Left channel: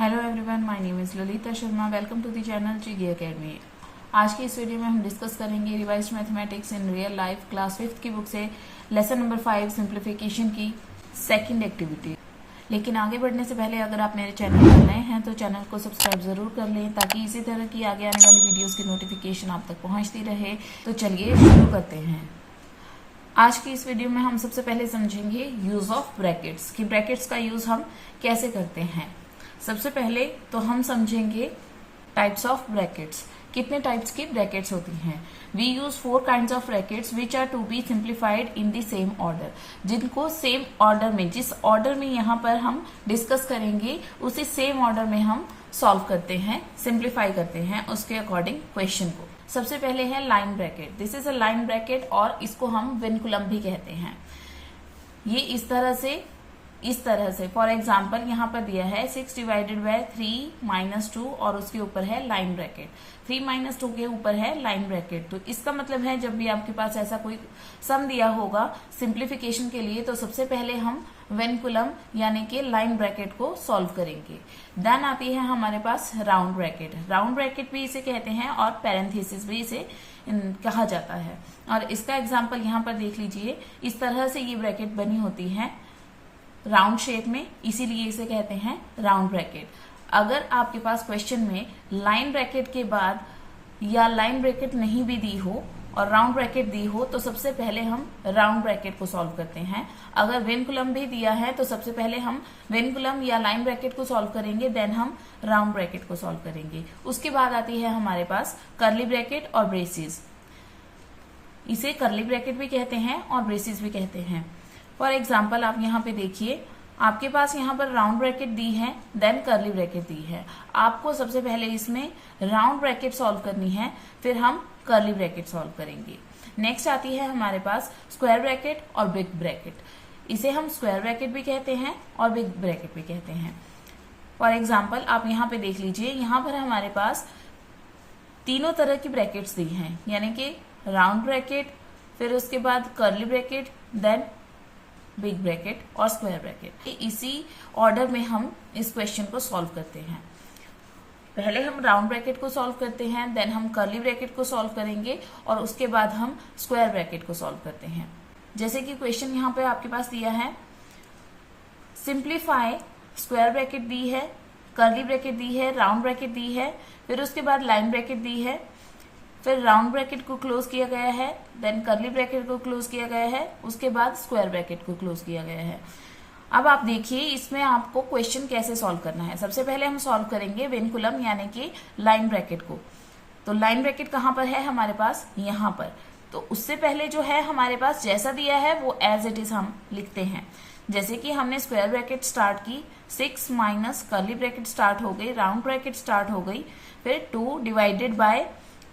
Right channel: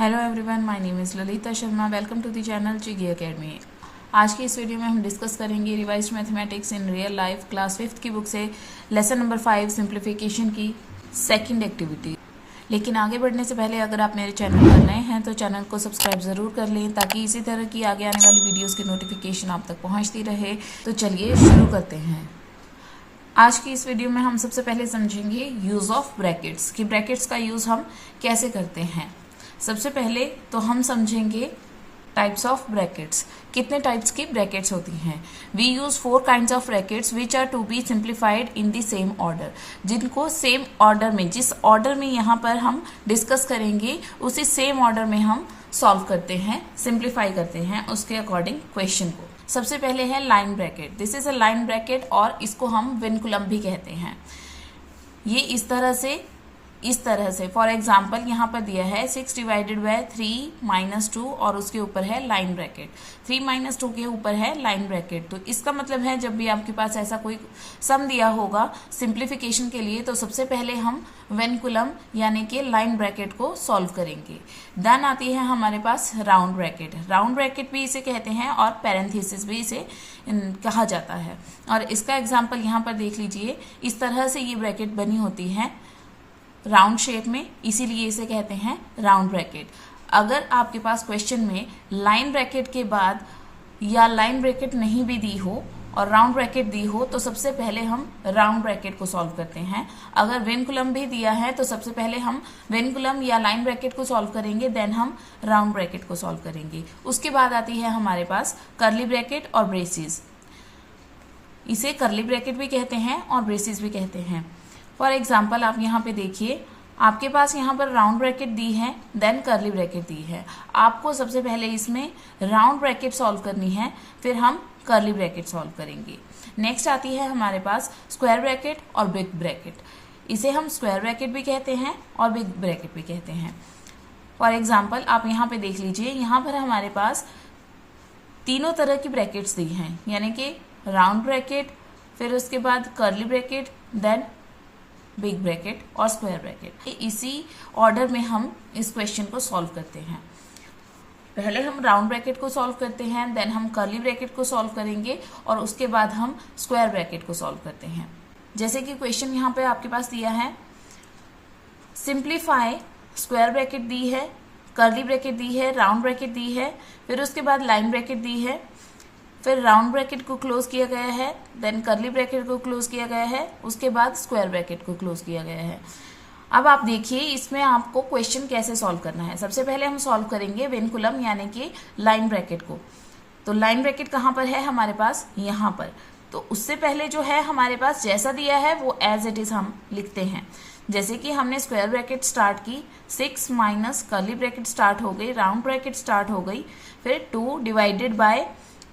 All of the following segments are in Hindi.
Hello everyone, my name is Lalita Sharma. Welcome to the channel चिगी एकेडमी। आज की इस वीडियो में हम डिस्कस करेंगे revised mathematics in real life class 5th की बुक से लेसन नंबर 5 सिंप्लीफिकेशन की सेकंड एक्टिविटी। लेकिन आगे बढ़ने से पहले अगर आप मेरे चैनल पर नए हैं तो चैनल को सब्सक्राइब ज़रूर कर लें ताकि इसी तरह की आगे आने वाली वीडियोज़ की नोटिफिकेशन आप तक पहुँचती रहे। तो चलिए शुरू करते हैं। आज की इस वीडियो में हम सबसे पहले समझेंगे यूज़ ऑफ ब्रैकेट्स कि ब्रैकेट्स का यूज़ हम कैसे करते हैं। सबसे पहले तो हम समझेंगे टाइप्स ऑफ ब्रैकेट्स। कितने टाइप्स की ब्रैकेट्स होती हैं। We use 4 kinds of brackets which are to be simplified in the same order, जिनको सेम ऑर्डर में, जिस ऑर्डर में यहाँ पर हम डिस्कस करेंगे उसी सेम ऑर्डर में हम सॉल्व करते हैं, सिंप्लीफाई करते हैं उसके अकॉर्डिंग क्वेश्चन को। सबसे पहले है line bracket. This is a line bracket और इसको हम विनकुलम भी कहते हैं। ये इस तरह से फॉर एग्जाम्पल यहाँ पर दिया है 6 डिवाइडेड बाय 3 - 2 और उसके ऊपर है लाइन ब्रैकेट। 3 - 2 के ऊपर है लाइन ब्रैकेट। तो इसका मतलब है जब भी आपके पास ऐसा कोई सम दिया होगा सिंप्लीफिकेशन के लिए तो सबसे पहले हम विनकुलम यानी कि लाइन ब्रैकेट को सॉल्व करेंगे। देन आती है हमारे पास राउंड ब्रैकेट। राउंड ब्रैकेट भी इसे कहते हैं और पैरेंथेसिस भी इसे कहा जाता है। और इसका एग्जाम्पल यहाँ पर देख लीजिए। इस तरह से ये ब्रैकेट बनी होती है राउंड शेप में, इसीलिए इसे कहते हैं राउंड ब्रैकेट। अगर आपके पास क्वेश्चन में लाइन ब्रैकेट के बाद या लाइन ब्रैकेट नहीं भी दी हो और राउंड ब्रैकेट दी हो तो सबसे पहले हम राउंड ब्रैकेट को सॉल्व करते हैं। अगर विनकुलम भी दिया है तो सबसे पहले हम विनकुलम या लाइन ब्रैकेट को सॉल्व करेंगे, देन हम राउंड ब्रैकेट को सॉल्व करेंगे। उसके बाद आती है हमारे पास कर्ली ब्रैकेट और ब्रेसिस। इसे कर्ली ब्रैकेट भी कहते हैं और ब्रेसिस भी कहते हैं। फॉर एग्जाम्पल आप यहाँ पे देखिए, आपके पास यहाँ पर राउंड ब्रैकेट दी है, देन कर्ली ब्रैकेट दी है। आपको सबसे पहले इसमें राउंड ब्रैकेट सॉल्व करनी है, फिर हम कर्ली ब्रैकेट सॉल्व करेंगे। नेक्स्ट आती है हमारे पास स्क्वायर ब्रैकेट और बिग ब्रैकेट। इसे हम स्क्वायर ब्रैकेट भी कहते हैं और बिग ब्रैकेट भी कहते हैं। फॉर एग्जाम्पल आप यहाँ पे देख लीजिए, यहाँ पर हमारे पास तीनों तरह की ब्रैकेट्स दी हैं, यानी कि राउंड ब्रैकेट, फिर उसके बाद curly bracket, then big bracket और स्क्वायर ब्रैकेट। इसी ऑर्डर में हम इस क्वेश्चन को सॉल्व करते हैं। पहले हम राउंड ब्रैकेट को सॉल्व करते हैं, देन हम कर्ली ब्रैकेट को सॉल्व करेंगे और उसके बाद हम स्क्वायर ब्रैकेट को सॉल्व करते हैं। जैसे कि क्वेश्चन यहाँ पे आपके पास दिया है, सिंप्लीफाई, स्क्वायर ब्रैकेट दी है, कर्ली ब्रैकेट दी है, राउंड ब्रैकेट दी है, फिर उसके बाद लाइन ब्रैकेट दी है, फिर राउंड ब्रैकेट को क्लोज किया गया है, देन कर्ली ब्रैकेट को क्लोज किया गया है, उसके बाद स्क्वायर ब्रैकेट को क्लोज किया गया है। अब आप देखिए इसमें आपको क्वेश्चन कैसे सॉल्व करना है। सबसे पहले हम सॉल्व करेंगे विनकुलम यानी कि लाइन ब्रैकेट को। तो लाइन ब्रैकेट कहाँ पर है हमारे पास, यहाँ पर। तो उससे पहले जो है हमारे पास जैसा दिया है वो एज इट इज हम लिखते हैं। जैसे कि हमने स्क्वायर ब्रैकेट स्टार्ट की, 6 माइनस कर्ली ब्रैकेट स्टार्ट हो गई, राउंड ब्रैकेट स्टार्ट हो गई, फिर 2 डिवाइडेड बाय।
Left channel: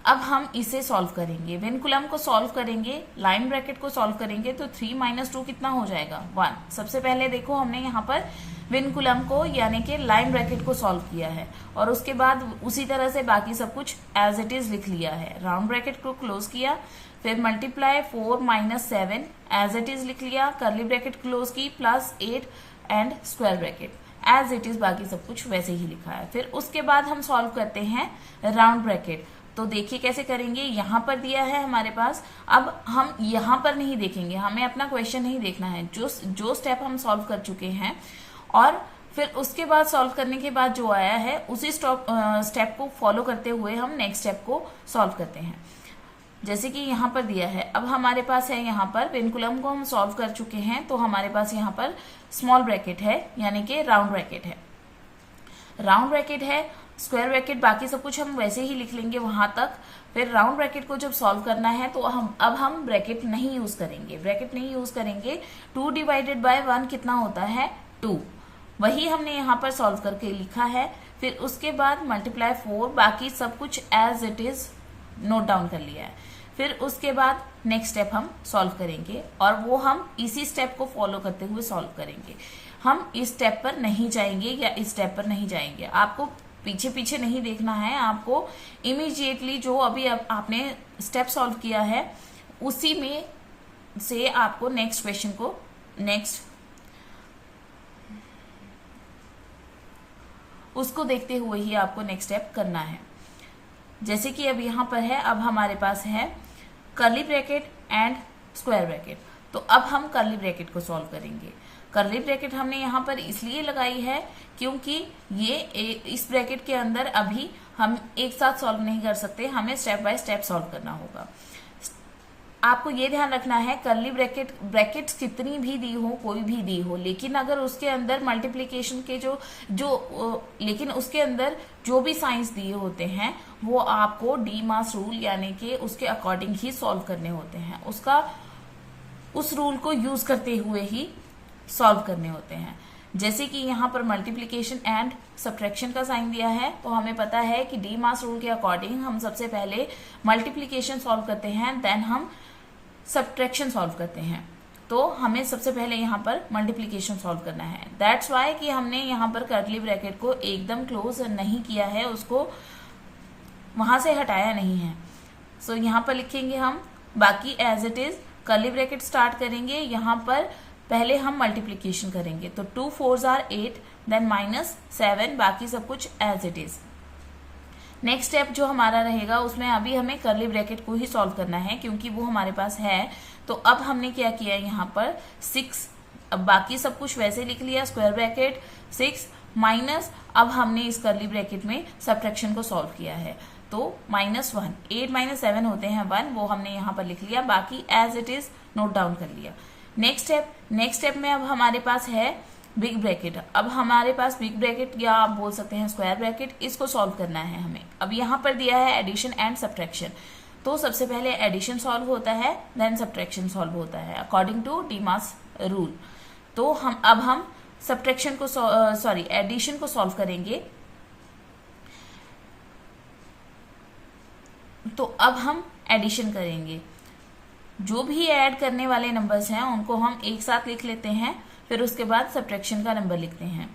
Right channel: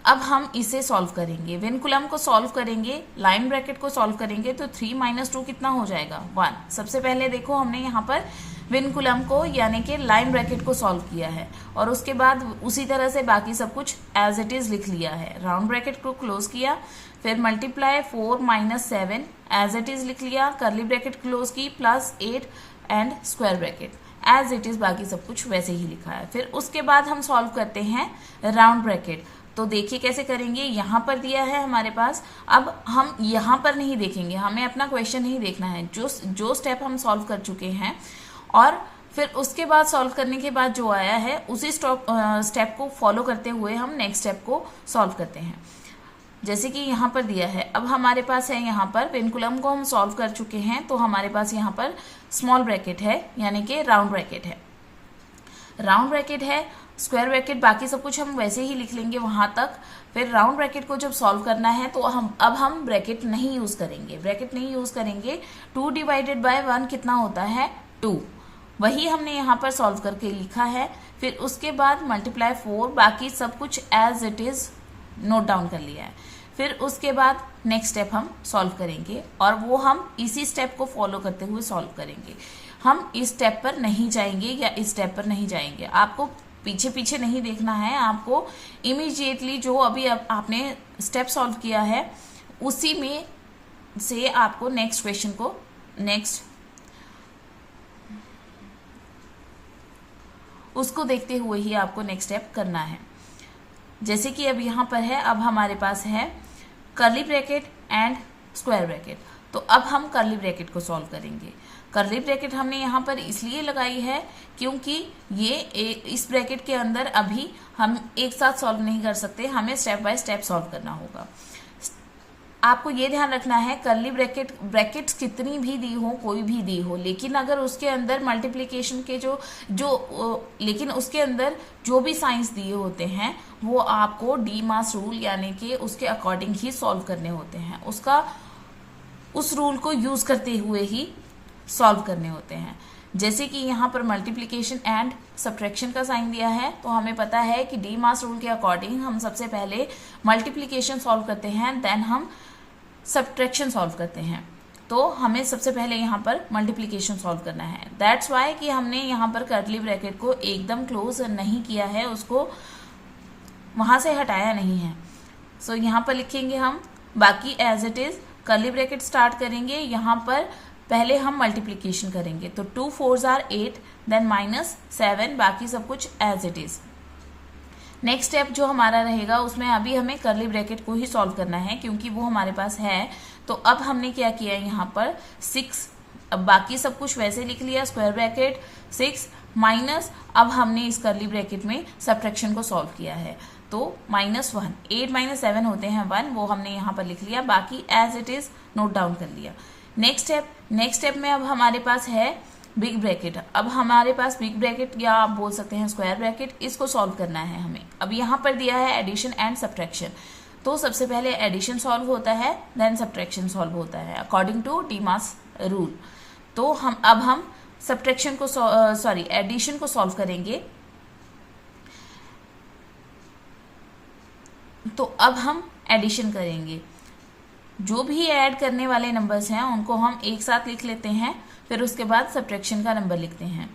अब हम इसे सॉल्व करेंगे, विनकुलम को सॉल्व करेंगे, लाइन ब्रैकेट को सॉल्व करेंगे। तो 3 - 2 कितना हो जाएगा, 1। सबसे पहले देखो हमने यहाँ पर विनकुलम को यानी कि लाइन ब्रैकेट को सॉल्व किया है और उसके बाद उसी तरह से बाकी सब कुछ एज इट इज लिख लिया है। राउंड ब्रैकेट को क्लोज किया, फिर मल्टीप्लाई 4 - 7 एज इट इज लिख लिया, कर्ली ब्रैकेट क्लोज की, +8 and square bracket as it is, बाकी सब कुछ वैसे ही लिखा है। फिर उसके बाद हम सॉल्व करते हैं राउंड ब्रैकेट। तो देखिए कैसे करेंगे, यहाँ पर दिया है हमारे पास। अब हम यहाँ पर नहीं देखेंगे, हमें अपना क्वेश्चन नहीं देखना है, जो स्टेप हम सॉल्व कर चुके हैं और फिर उसके बाद सॉल्व करने के बाद जो आया है उसी स्टेप को फॉलो करते हुए हम नेक्स्ट स्टेप को सॉल्व करते हैं। जैसे कि यहाँ पर दिया है, अब हमारे पास है यहाँ पर विनकुलम को हम सॉल्व कर चुके हैं, तो हमारे पास यहाँ पर स्मॉल ब्रैकेट है यानी कि राउंड ब्रैकेट है। राउंड ब्रैकेट है, स्क्वायर ब्रैकेट, बाकी सब कुछ हम वैसे ही लिख लेंगे वहां तक। फिर राउंड ब्रैकेट को जब सॉल्व करना है तो हम ब्रैकेट नहीं यूज करेंगे, 2 डिवाइडेड बाय 1 कितना होता है, 2। वही हमने यहाँ पर सॉल्व करके लिखा है। फिर उसके बाद मल्टीप्लाई 4, बाकी सब कुछ as it is note down कर लिया है। फिर उसके बाद नेक्स्ट स्टेप हम सॉल्व करेंगे और वो हम इसी स्टेप को फॉलो करते हुए सॉल्व करेंगे। हम इस स्टेप पर नहीं जाएंगे या इस स्टेप पर नहीं जाएंगे। आपको पीछे पीछे नहीं देखना है, आपको इमीडिएटली जो अभी आपने स्टेप सॉल्व किया है उसी में से आपको नेक्स्ट क्वेश्चन को उसको देखते हुए ही आपको नेक्स्ट स्टेप करना है। जैसे कि अब यहाँ पर है, अब हमारे पास है curly bracket and square bracket. तो अब हम कर्ली ब्रैकेट को सॉल्व करेंगे। कर्ली ब्रैकेट हमने यहाँ पर इसलिए लगाई है क्योंकि ये इस ब्रैकेट के अंदर अभी हम एक साथ सॉल्व नहीं कर सकते, हमें स्टेप बाय स्टेप सॉल्व करना होगा। आपको ये ध्यान रखना है कर्ली ब्रैकेट्स कितनी भी दी हो, कोई भी दी हो, लेकिन अगर उसके अंदर मल्टीप्लिकेशन के लेकिन उसके अंदर जो भी साइंस दिए होते हैं वो आपको डी मास रूल यानी कि उसके अकॉर्डिंग ही सॉल्व करने होते हैं, उस रूल को यूज करते हुए ही सॉल्व करने होते हैं। जैसे कि यहाँ पर मल्टीप्लिकेशन एंड सब्ट्रैक्शन का साइन दिया है, तो हमें पता है कि डी मास रूल के अकॉर्डिंग हम सबसे पहले मल्टीप्लिकेशन सॉल्व करते हैं, देन हम सब्ट्रैक्शन सॉल्व करते हैं। तो हमें सबसे पहले यहाँ पर मल्टीप्लिकेशन सॉल्व करना है। दैट्स वाई कि हमने यहाँ पर कर्ली ब्रैकेट को एकदम क्लोज नहीं किया है, उसको वहां से हटाया नहीं है। सो यहाँ पर लिखेंगे हम, बाकी as it is curly bracket start करेंगे। यहाँ पर पहले हम मल्टीप्लिकेशन करेंगे, तो 2 4s are 8, देन -7, बाकी सब कुछ as it is. Next step जो हमारा रहेगा उसमें अभी हमें कर्ली ब्रैकेट को ही सॉल्व करना है क्योंकि वो हमारे पास है। तो अब हमने क्या किया यहाँ पर 6, अब बाकी सब कुछ वैसे लिख लिया, स्क्वायर ब्रैकेट 6 माइनस, अब हमने इस कर्ली ब्रैकेट में सब्ट्रैक्शन को सॉल्व किया है, तो -1, 8 - 7 होते हैं 1, वो हमने यहाँ पर लिख लिया, बाकी as it is note down कर लिया। नेक्स्ट स्टेप में अब हमारे पास है बिग ब्रैकेट। अब हमारे पास बिग ब्रैकेट या आप बोल सकते हैं स्क्वायर ब्रैकेट, इसको सॉल्व करना है हमें। अब यहाँ पर दिया है एडिशन एंड सब्ट्रैक्शन, तो सबसे पहले एडिशन सॉल्व होता है, देन सब्ट्रैक्शन सॉल्व होता है according to DMAS rule. तो हम सब्ट्रैक्शन को एडिशन को सॉल्व करेंगे। तो अब हम एडिशन करेंगे, जो भी ऐड करने वाले नंबर्स हैं उनको हम एक साथ लिख लेते हैं, फिर उसके बाद सब्ट्रैक्शन का नंबर लिखते हैं।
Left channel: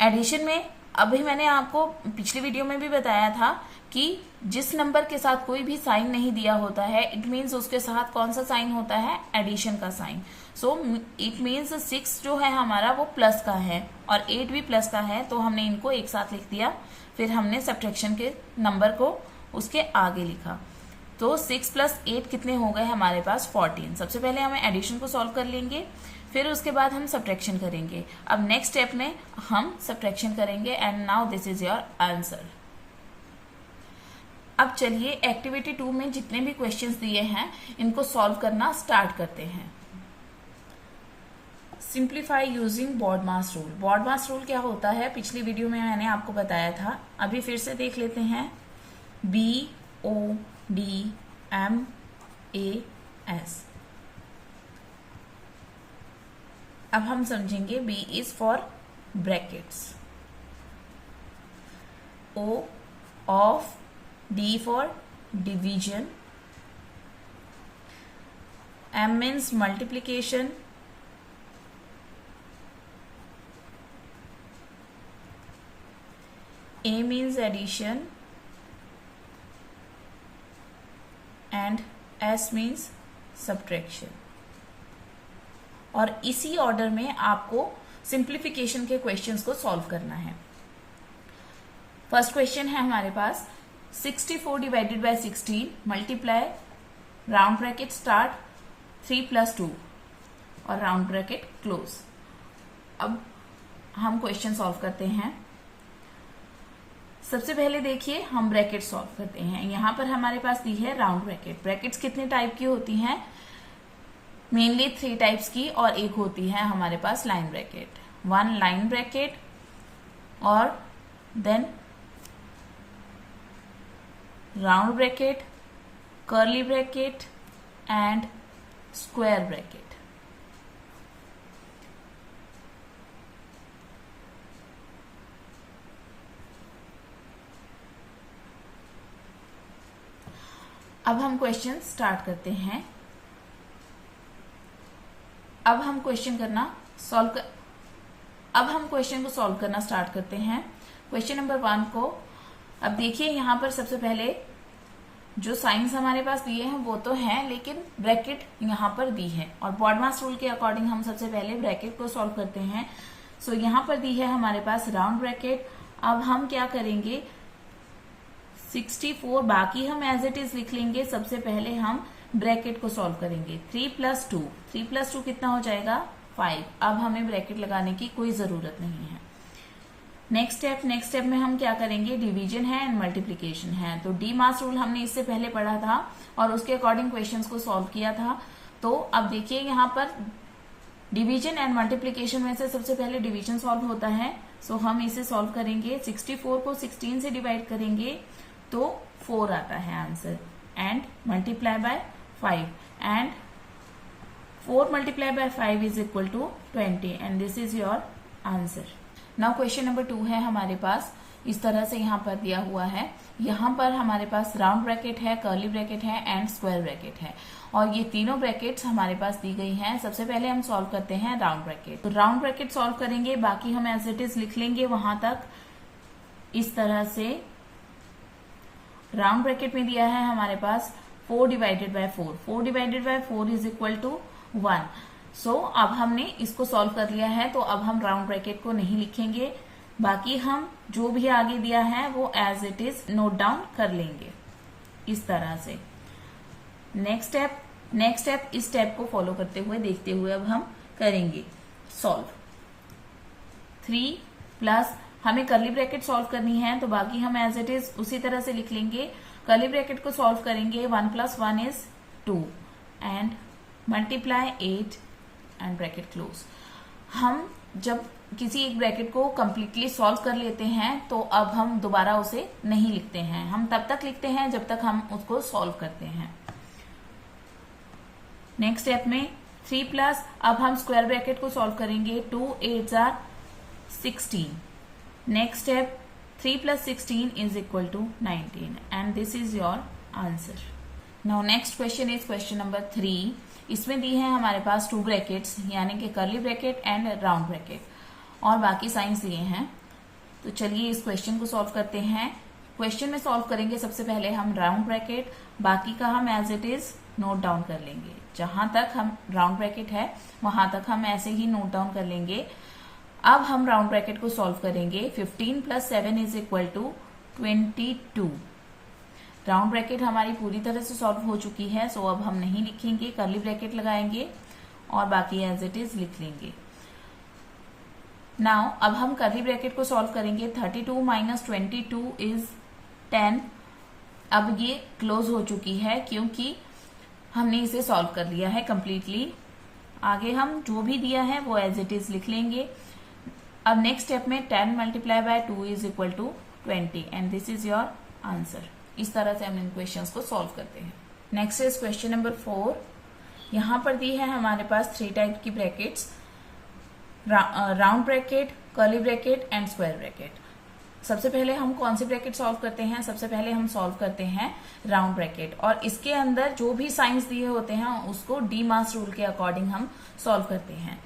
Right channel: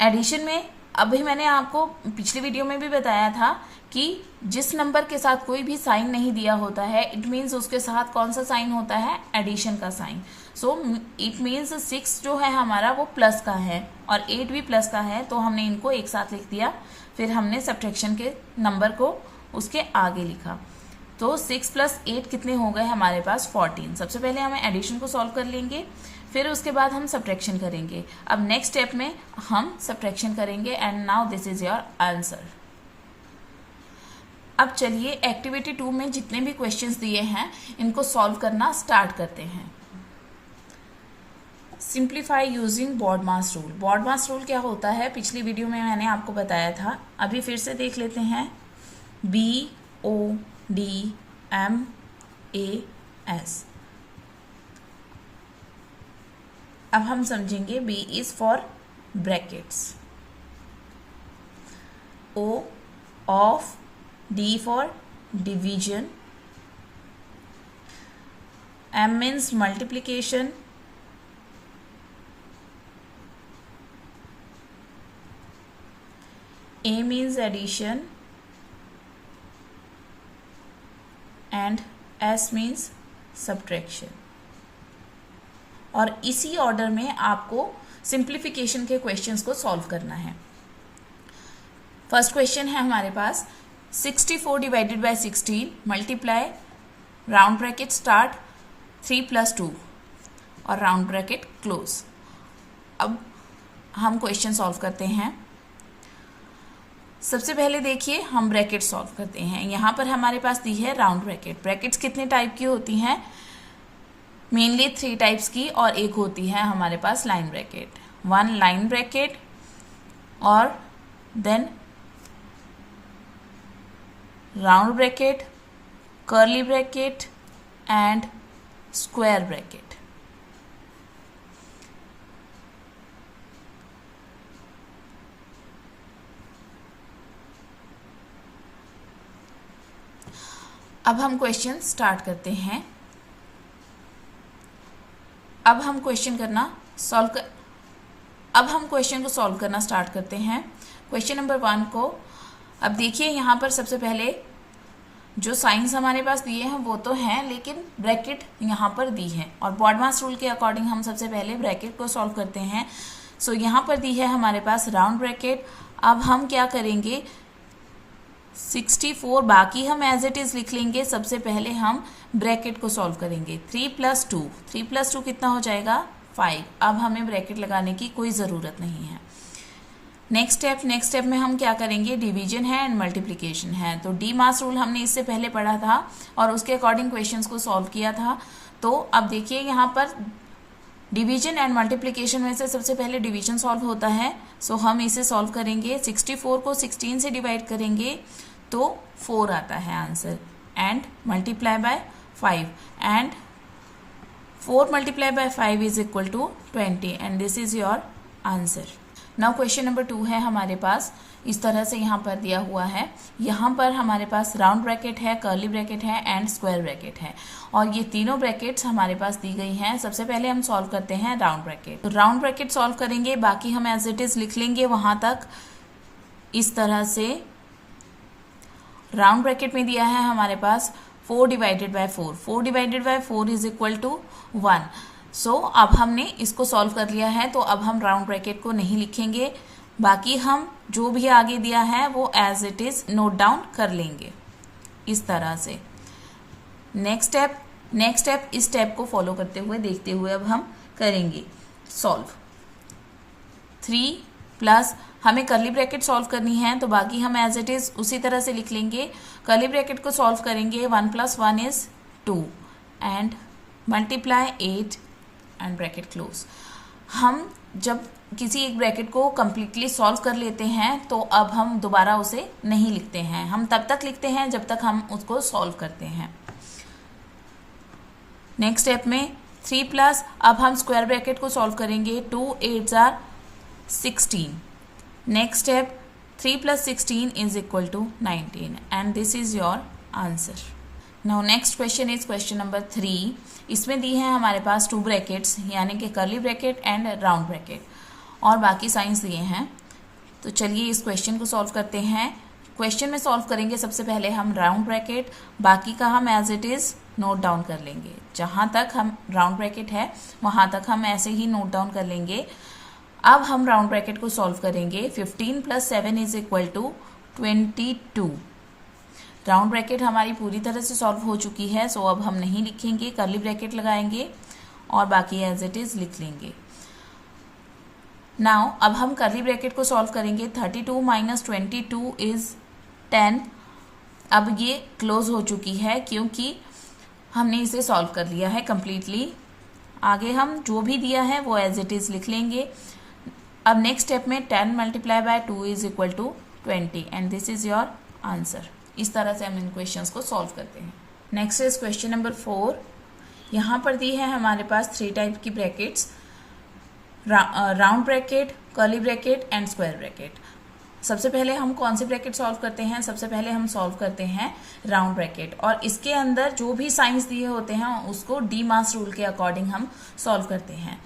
एडिशन में अभी मैंने आपको पिछली वीडियो में भी बताया था कि जिस नंबर के साथ कोई भी साइन नहीं दिया होता है, इट मीन्स उसके साथ कौन सा साइन होता है, एडिशन का साइन। सो इट मीन्स 6 जो है हमारा वो प्लस का है और 8 भी प्लस का है, तो हमने इनको एक साथ लिख दिया, फिर हमने सब्ट्रैक्शन के नंबर को उसके आगे लिखा। तो 6 + 8 कितने हो गए हमारे पास 14। सबसे पहले हमें एडिशन को सॉल्व कर लेंगे, फिर उसके बाद हम सब्ट्रैक्शन करेंगे। अब नेक्स्ट स्टेप में हम सब्ट्रैक्शन करेंगे and now this is your answer. अब चलिए एक्टिविटी 2 में जितने भी क्वेश्चंस दिए हैं इनको सॉल्व करना स्टार्ट करते हैं। सिंप्लीफाई यूजिंग बॉड मास रूल। बॉड मास रूल क्या होता है, पिछली वीडियो में मैंने आपको बताया था, अभी फिर से देख लेते हैं। BODMAS। अब हम समझेंगे B is for brackets, O of, D for division, M means multiplication, A means addition and S means subtraction. और इसी ऑर्डर में आपको सिंप्लीफिकेशन के क्वेश्चंस को सॉल्व करना है। फर्स्ट क्वेश्चन है हमारे पास 64 divided by 16 multiply round bracket start 3 + 2 और राउंड ब्रैकेट क्लोज। अब हम क्वेश्चन सॉल्व करते हैं। सबसे पहले देखिए हम ब्रैकेट सॉल्व करते हैं। यहाँ पर हमारे पास दी है राउंड ब्रैकेट। ब्रैकेट्स कितने टाइप की होती हैं, मेनली 3 टाइप्स की, और एक होती है हमारे पास लाइन ब्रैकेट। 1 लाइन ब्रैकेट और then round bracket, curly bracket and square bracket. अब हम क्वेश्चन स्टार्ट करते हैं। अब हम क्वेश्चन को सॉल्व करना स्टार्ट करते हैं। क्वेश्चन नंबर 1 को अब देखिए, यहाँ पर सबसे पहले जो साइंस हमारे पास दिए हैं वो तो हैं, लेकिन ब्रैकेट यहाँ पर दी है और बॉड मास रूल के अकॉर्डिंग हम सबसे पहले ब्रैकेट को सॉल्व करते हैं। सो यहाँ पर दी है हमारे पास राउंड ब्रैकेट। अब हम क्या करेंगे, 64 बाकी हम एज इट इज लिख लेंगे। सबसे पहले हम ब्रैकेट को सॉल्व करेंगे। 3 + 2, 3 + 2 कितना हो जाएगा 5। अब हमें ब्रैकेट लगाने की कोई ज़रूरत नहीं है। नेक्स्ट स्टेप में हम क्या करेंगे, डिवीजन है एंड मल्टीप्लिकेशन है। तो डी मास रूल हमने इससे पहले पढ़ा था और उसके अकॉर्डिंग क्वेश्चंस को सॉल्व किया था। तो अब देखिए यहाँ पर डिवीजन एंड मल्टीप्लिकेशन में से सबसे पहले डिवीजन सॉल्व होता है। सो हम इसे सॉल्व करेंगे। 64 को 16 से डिवाइड करेंगे तो 4 आता है answer, and multiply by 5, and 4 multiply by 5 is equal to 20, and this is your answer. Now question number 2 है हमारे पास, इस तरह से यहाँ पर दिया हुआ है। यहाँ पर हमारे पास राउंड ब्रैकेट है, कर्ली ब्रैकेट है एंड स्क्वायर ब्रैकेट है, और ये तीनों ब्रैकेट्स हमारे पास दी गई हैं। सबसे पहले हम सॉल्व करते हैं राउंड ब्रैकेट। तो राउंड ब्रैकेट सॉल्व करेंगे, बाकी हम एज इट इज लिख लेंगे वहां तक। इस तरह से राउंड ब्रैकेट में दिया है हमारे पास 4 divided by 4, 4 divided by 4 is equal to 1। So अब हमने इसको सॉल्व कर लिया है, तो अब हम राउंड ब्रैकेट को नहीं लिखेंगे, बाकी हम जो भी आगे दिया है वो as it is note down कर लेंगे इस तरह से। नेक्स्ट स्टेप इस स्टेप को फॉलो करते हुए देखते हुए अब हम करेंगे सॉल्व। 3 प्लस हमें कर्ली ब्रैकेट सॉल्व करनी है, तो बाकी हम एज इट इज उसी तरह से लिख लेंगे। कर्ली ब्रैकेट को सॉल्व करेंगे, 1 + 1 is 2, and multiply 8 and bracket close. हम जब किसी एक ब्रैकेट को कंप्लीटली सॉल्व कर लेते हैं तो अब हम दोबारा उसे नहीं लिखते हैं, हम तब तक लिखते हैं जब तक हम उसको सॉल्व करते हैं। नेक्स्ट स्टेप में 3 प्लस, अब हम स्क्वायर ब्रैकेट को सॉल्व करेंगे। 2 8 = 16। Next step 3 + 16 is equal to 19, and this is your answer. Now next question is question number 3। इसमें दी है हमारे पास 2 ब्रैकेट्स, यानी कि curly bracket and round bracket, और बाकी साइंस दिए हैं। तो चलिए इस क्वेश्चन को सॉल्व करते हैं। क्वेश्चन में सॉल्व करेंगे सबसे पहले हम राउंड ब्रैकेट, बाकी का हम as it is note down कर लेंगे। जहां तक हम राउंड ब्रैकेट है वहां तक हम ऐसे ही नोट डाउन कर लेंगे। अब हम राउंड ब्रैकेट को सॉल्व करेंगे। 15 + 7 is equal to 22। Round bracket हमारी पूरी तरह से सॉल्व हो चुकी है, सो अब हम नहीं लिखेंगे, कर्ली ब्रैकेट लगाएंगे और बाकी एज इट इज लिख लेंगे। नाउ अब हम कर्ली ब्रैकेट को सॉल्व करेंगे। 32 - 22 इज 10। अब ये क्लोज हो चुकी है क्योंकि हमने इसे सॉल्व कर लिया है कंप्लीटली। आगे हम जो भी दिया है वो एज इट इज लिख लेंगे। अब नेक्स्ट स्टेप में 10 × 2 is equal to 20, and this is your answer. इस तरह से हम इन क्वेश्चंस को सॉल्व करते हैं। Next is question number 4। यहाँ पर दी है हमारे पास 3 टाइप की brackets, round bracket, curly bracket and square bracket. सबसे पहले हम कौन सी ब्रैकेट सॉल्व करते हैं, सबसे पहले हम सॉल्व करते हैं राउंड ब्रैकेट, और इसके अंदर जो भी साइंस दिए होते हैं उसको डी मास रूल के अकॉर्डिंग हम सॉल्व करते हैं।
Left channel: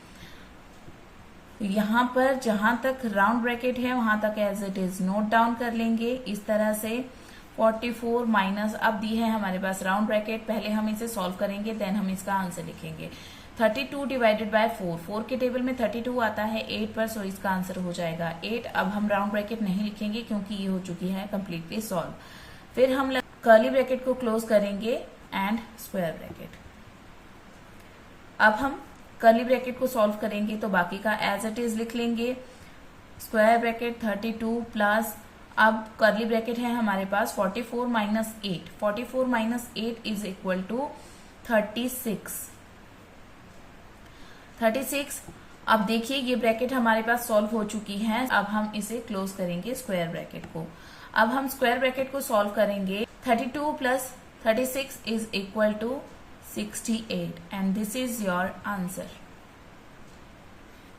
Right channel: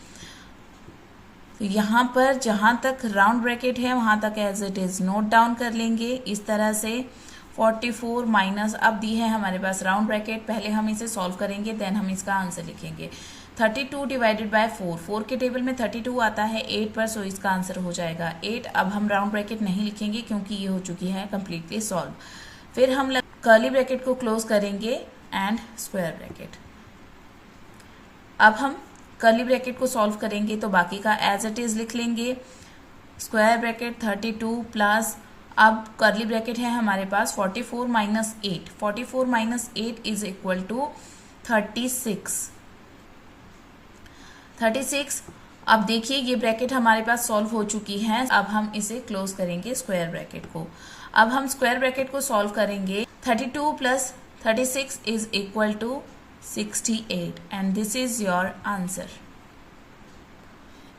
यहाँ पर जहां तक राउंड ब्रैकेट है वहां तक as it is note down कर लेंगे इस तरह से। 44 माइनस, अब दी है हमारे पास राउंड ब्रैकेट, पहले हम इसे सॉल्व करेंगे देन हम इसका आंसर लिखेंगे। 32 डिवाइडेड बाय 4, 4 के टेबल में 32 आता है 8 पर, सो इसका आंसर हो जाएगा 8। अब हम राउंड ब्रैकेट नहीं लिखेंगे क्योंकि ये हो चुकी है कंप्लीटली सॉल्व। फिर हम कर्ली ब्रैकेट को क्लोज करेंगे एंड स्क्वायर ब्रैकेट। अब हम कर्ली ब्रैकेट को सॉल्व करेंगे तो बाकी का एज इट इज लिख लेंगे। स्क्वायर ब्रैकेट 32 प्लस, अब कर्ली ब्रैकेट है हमारे पास 44 - 8, 44 - 8 इज इक्वल टू 36। अब देखिए ये ब्रैकेट हमारे पास सॉल्व हो चुकी है। अब हम इसे क्लोज करेंगे स्क्वायर ब्रैकेट को। अब हम स्क्वायर ब्रैकेट को सॉल्व करेंगे। 32 + 36 is equal to 68, and this is your answer.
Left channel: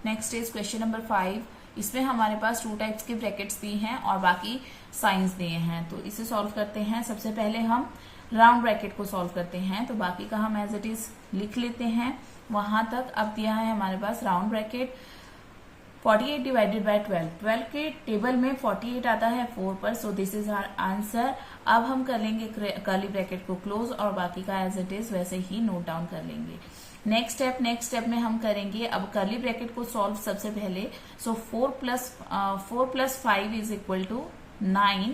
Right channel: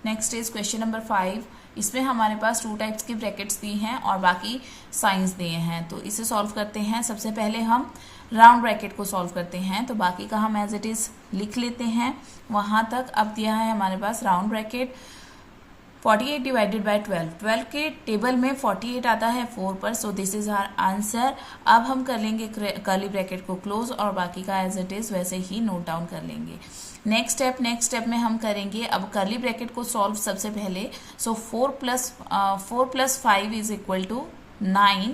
Next is question number 5। इसमें हमारे पास 2 टाइप्स की ब्रैकेट्स दी हैं और बाकी साइंस दिए हैं, तो इसे सॉल्व करते हैं। सबसे पहले हम राउंड ब्रैकेट को सॉल्व करते हैं, तो बाकी का हम एज इट इज लिख लेते हैं वहां तक। अब दिया है हमारे पास राउंड ब्रैकेट 48 डिवाइडेड बाय 12, 12 के टेबल में 48 आता है 4 पर, so this is our answer. अब हम कर लेंगे कर्ली ब्रैकेट को क्लोज और बाकी का एज इट इज वैसे ही नोट डाउन कर लेंगे। नेक्स्ट स्टेप में हम करेंगे अब कर्ली ब्रैकेट को सॉल्व सबसे पहले। So 4 plus 5 is equal to 9।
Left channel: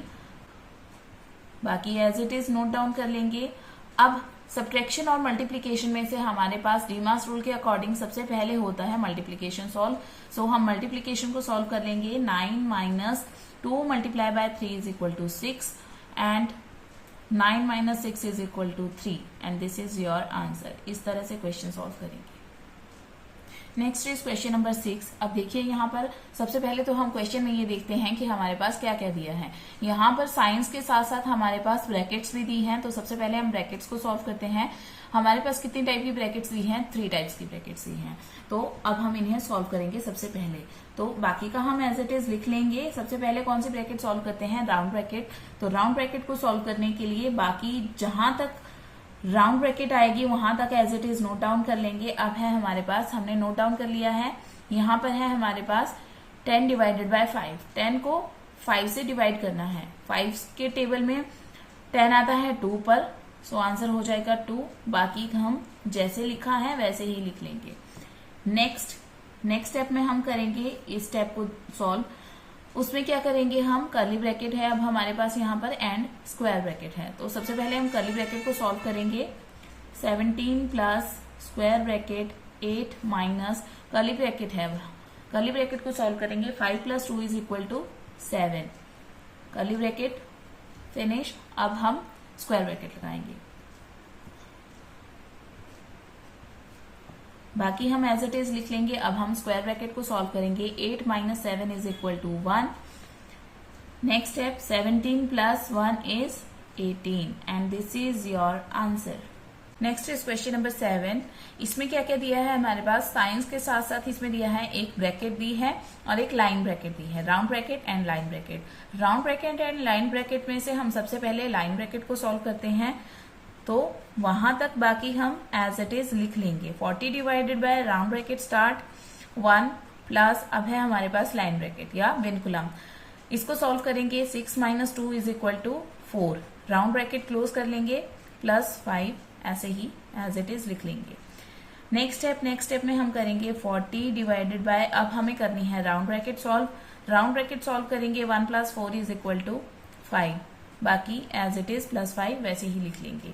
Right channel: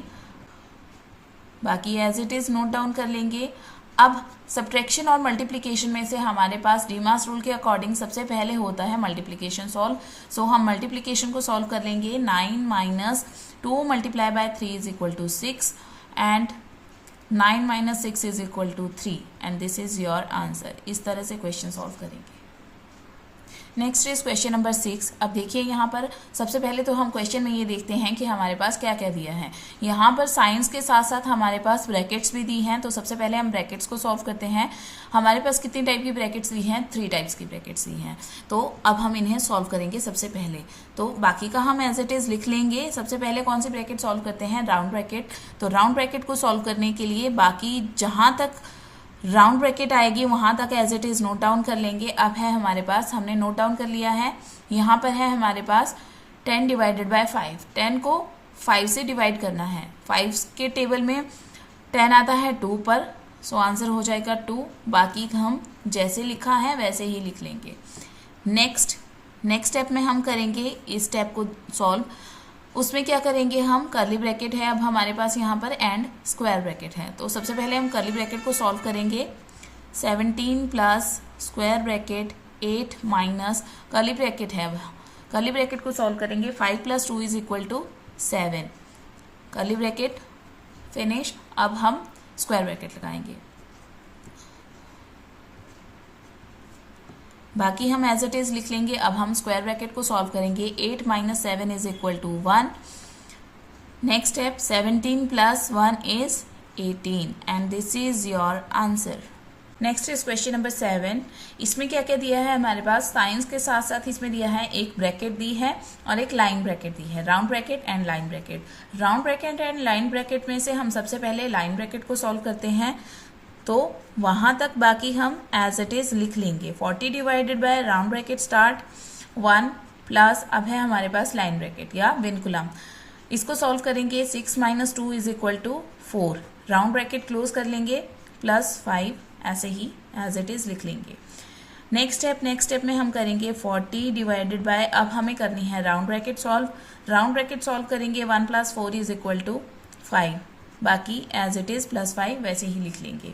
बाकी as it is note down कर लेंगे। अब सब्ट्रैक्शन और मल्टीप्लिकेशन में से हमारे पास डीमास रूल के अकॉर्डिंग सबसे पहले होता है मल्टीप्लिकेशन सॉल्व। सो हम मल्टीप्लिकेशन को सॉल्व कर लेंगे। 9 minus 2 multiply by 3 is equal to 6 and 9 minus 6 is equal to 3 and this is your answer. इस तरह से क्वेश्चन सॉल्व करेंगे। Next is question number 6। अब देखिए यहाँ पर सबसे पहले तो हम क्वेश्चन में ये देखते हैं कि हमारे पास क्या क्या दिया है। यहाँ पर साइंस के साथ साथ हमारे पास ब्रैकेट्स भी दी हैं। तो सबसे पहले हम ब्रैकेट्स को सॉल्व करते हैं। हमारे पास कितनी टाइप की ब्रैकेट्स दी हैं? 3 टाइप्स की ब्रैकेट्स दी हैं। तो अब हम इन्हें सॉल्व करेंगे सबसे पहले। तो बाकी का हम एज इट इज लिख लेंगे। सबसे पहले कौन सी ब्रैकेट सॉल्व करते हैं? Round bracket. तो राउंड ब्रैकेट को सॉल्व करने के लिए बाकी जहाँ तक राउंड ब्रैकेट आएगी वहां तक as it is note down कर लेंगे। अब है हमारे पास, हमने नोट डाउन कर लिया है। यहाँ पर है हमारे पास 10 डिवाइडेड बाय 5। 10 को 5 से डिवाइड करना है। 5 के टेबल में 10 आता है 2 पर, सो आंसर हो जाएगा 2। बाकी हम जैसे लिखा है वैसे ही लिख लेंगे। नेक्स्ट स्टेप में हम करेंगे इस स्टेप को सॉल्व। उसमें क्या करेंगे हम? कर्ली ब्रैकेट है अब हमारे पास यहाँ पर एंड स्क्वायर ब्रैकेट है। तो सबसे पहले हम कर्ली ब्रैकेट को सॉल्व करेंगे। 17 plus square bracket 8 minus curly bracket है। कर्ली ब्रैकेट को सॉल्व करेंगे। 5 plus 2 is equal to 7। Curly bracket finish. अब हम स्क्वायर ब्रैकेट लगाएंगे। बाकी हम एज इट इज लिख लेंगे। अब हम स्क्वायर ब्रैकेट को सॉल्व करेंगे। 8 minus 7 is equal to 1। Next step 17 plus 1 is 18 and this is your answer. Next is question number 7। इसमें क्या क्या दिया है हमारे पास? साइंस के साथ साथ इसमें दिया है एक ब्रैकेट दी है और एक लाइन ब्रैकेट दी है। Round bracket and line bracket. Round bracket and line bracket में से हम सबसे पहले लाइन ब्रैकेट को सॉल्व करते हैं। तो वहां तक बाकी हम एज इट इज लिख लेंगे। 40 divided by round bracket start 1 plus अब है हमारे पास लाइन ब्रैकेट या विनकुलम। इसको सॉल्व करेंगे। 6 minus 2 is equal to 4। Round bracket close कर लेंगे प्लस 5 ऐसे ही एज इट इज लिख लेंगे। नेक्स्ट स्टेप में हम करेंगे 40 डिवाइडेड बाय, अब हमें करनी है round bracket solve. Round bracket solve करेंगे। 1 प्लस 4 इज इक्वल टू 5। बाकी एज इट इज प्लस 5 वैसे ही लिख लेंगे।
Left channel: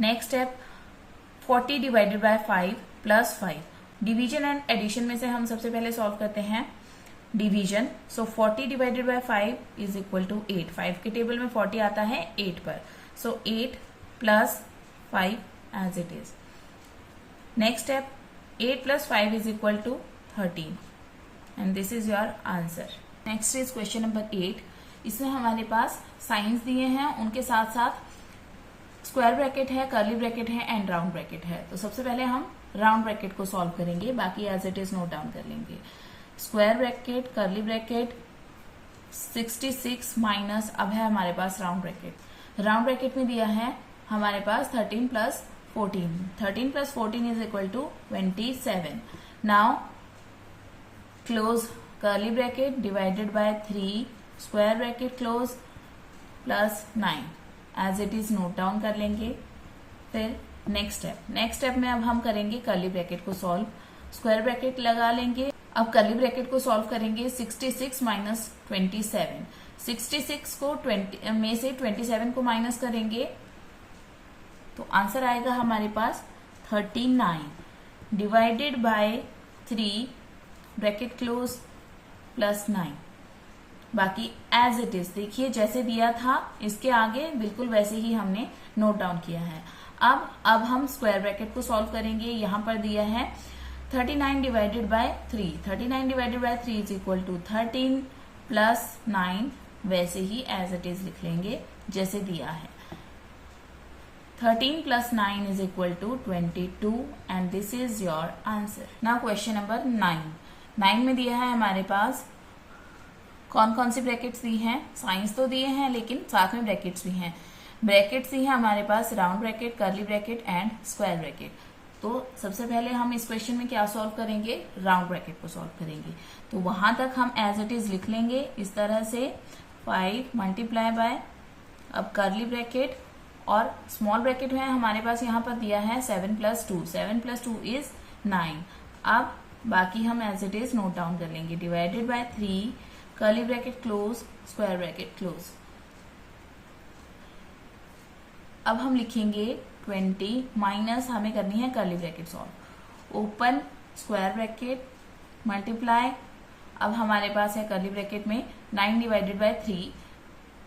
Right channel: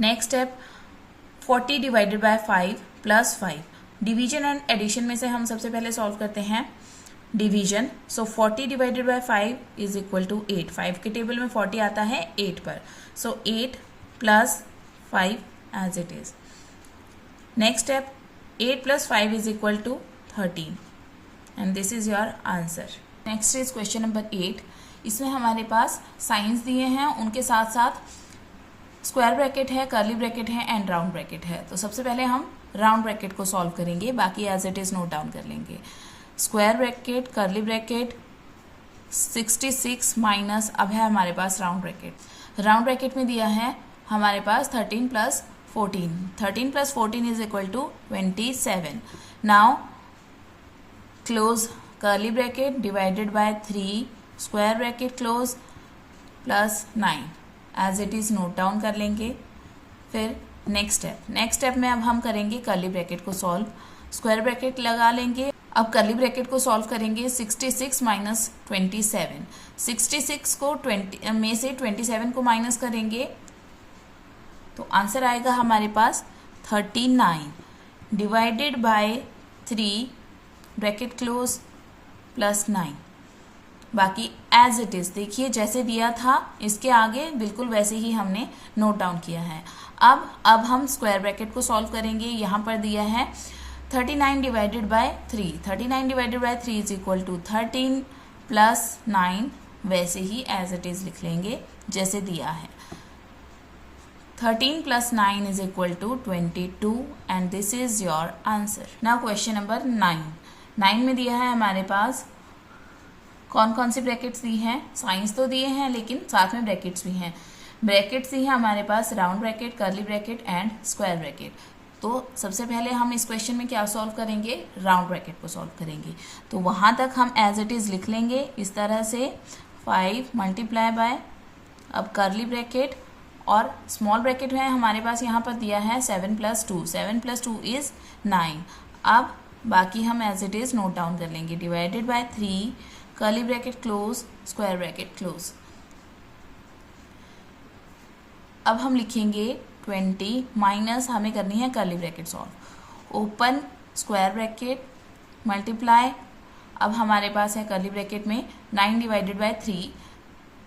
Next step 40 divided by 5 plus 5। Division and addition में से हम सबसे पहले सॉल्व करते हैं division. So 40 divided by 5 is equal to 8। 5 के टेबल में 40 आता है 8 पर, so 8 plus 5 as it is. Next step 8 plus 5 is equal to 13 and this is your answer. Next is question number 8। इसमें हमारे पास साइंस दिए हैं, उनके साथ साथ स्क्वायर ब्रैकेट है, कर्ली ब्रैकेट है एंड राउंड ब्रैकेट है। तो सबसे पहले हम राउंड ब्रैकेट को सॉल्व करेंगे। बाकी as it is note down कर लेंगे। Square bracket, curly bracket 66 minus अब है हमारे पास राउंड ब्रैकेट। राउंड ब्रैकेट में दिया है हमारे पास 13 plus 14। 13 plus 14 is equal to 27। Now close curly bracket divided by 3 square bracket close plus 9 as it is note down कर लेंगे। फिर नेक्स्ट स्टेप में अब हम करेंगे कर्ली ब्रैकेट को सॉल्व। स्क्वायर ब्रैकेट लगा लेंगे। अब कर्ली ब्रैकेट को सॉल्व करेंगे। 66 माइनस 27। 66 को 20 में से 27 को माइनस करेंगे तो आंसर आएगा हमारे पास 39 divided by 3 bracket close plus 9। बाकी एज इट इज देखिए जैसे दिया था इसके आगे बिल्कुल वैसे ही हमने नोट डाउन किया है। अब हम स्क्वायर ब्रैकेट को सॉल्व करेंगे। यहाँ पर दिया है 39 divided by 3। 39 divided by 3 is equal to 13 plus 9 वैसे ही एज इट इज लिख लेंगे जैसे दिया है। 13 plus 9 is equal to 22 and this is your answer. Now question number 9। 9 में दिया है हमारे पास कौन कौन सी ब्रैकेट्स दी हैं? साइंस तो दिए हैं लेकिन साथ में ब्रैकेट्स भी हैं। ब्रैकेट्स दी हैं हमारे पास round bracket, curly bracket and square bracket. तो सबसे पहले हम इस क्वेश्चन में क्या सॉल्व करेंगे? राउंड ब्रैकेट को सॉल्व करेंगे। तो वहां तक हम एज इट इज लिख लेंगे इस तरह से 5 मल्टीप्लाई बाय अब कर्ली ब्रैकेट और स्मॉल ब्रैकेट में हमारे पास यहाँ पर दिया है 7 + 2, 7 + 2 इज 9। अब बाकी हम as it is note down कर लेंगे, divided by 3 curly bracket close square bracket close. अब हम लिखेंगे 20 माइनस हमें करनी है curly bracket solve, open square bracket multiply. अब हमारे पास है कर्ली ब्रैकेट में 9 डिवाइडेड बाय 3,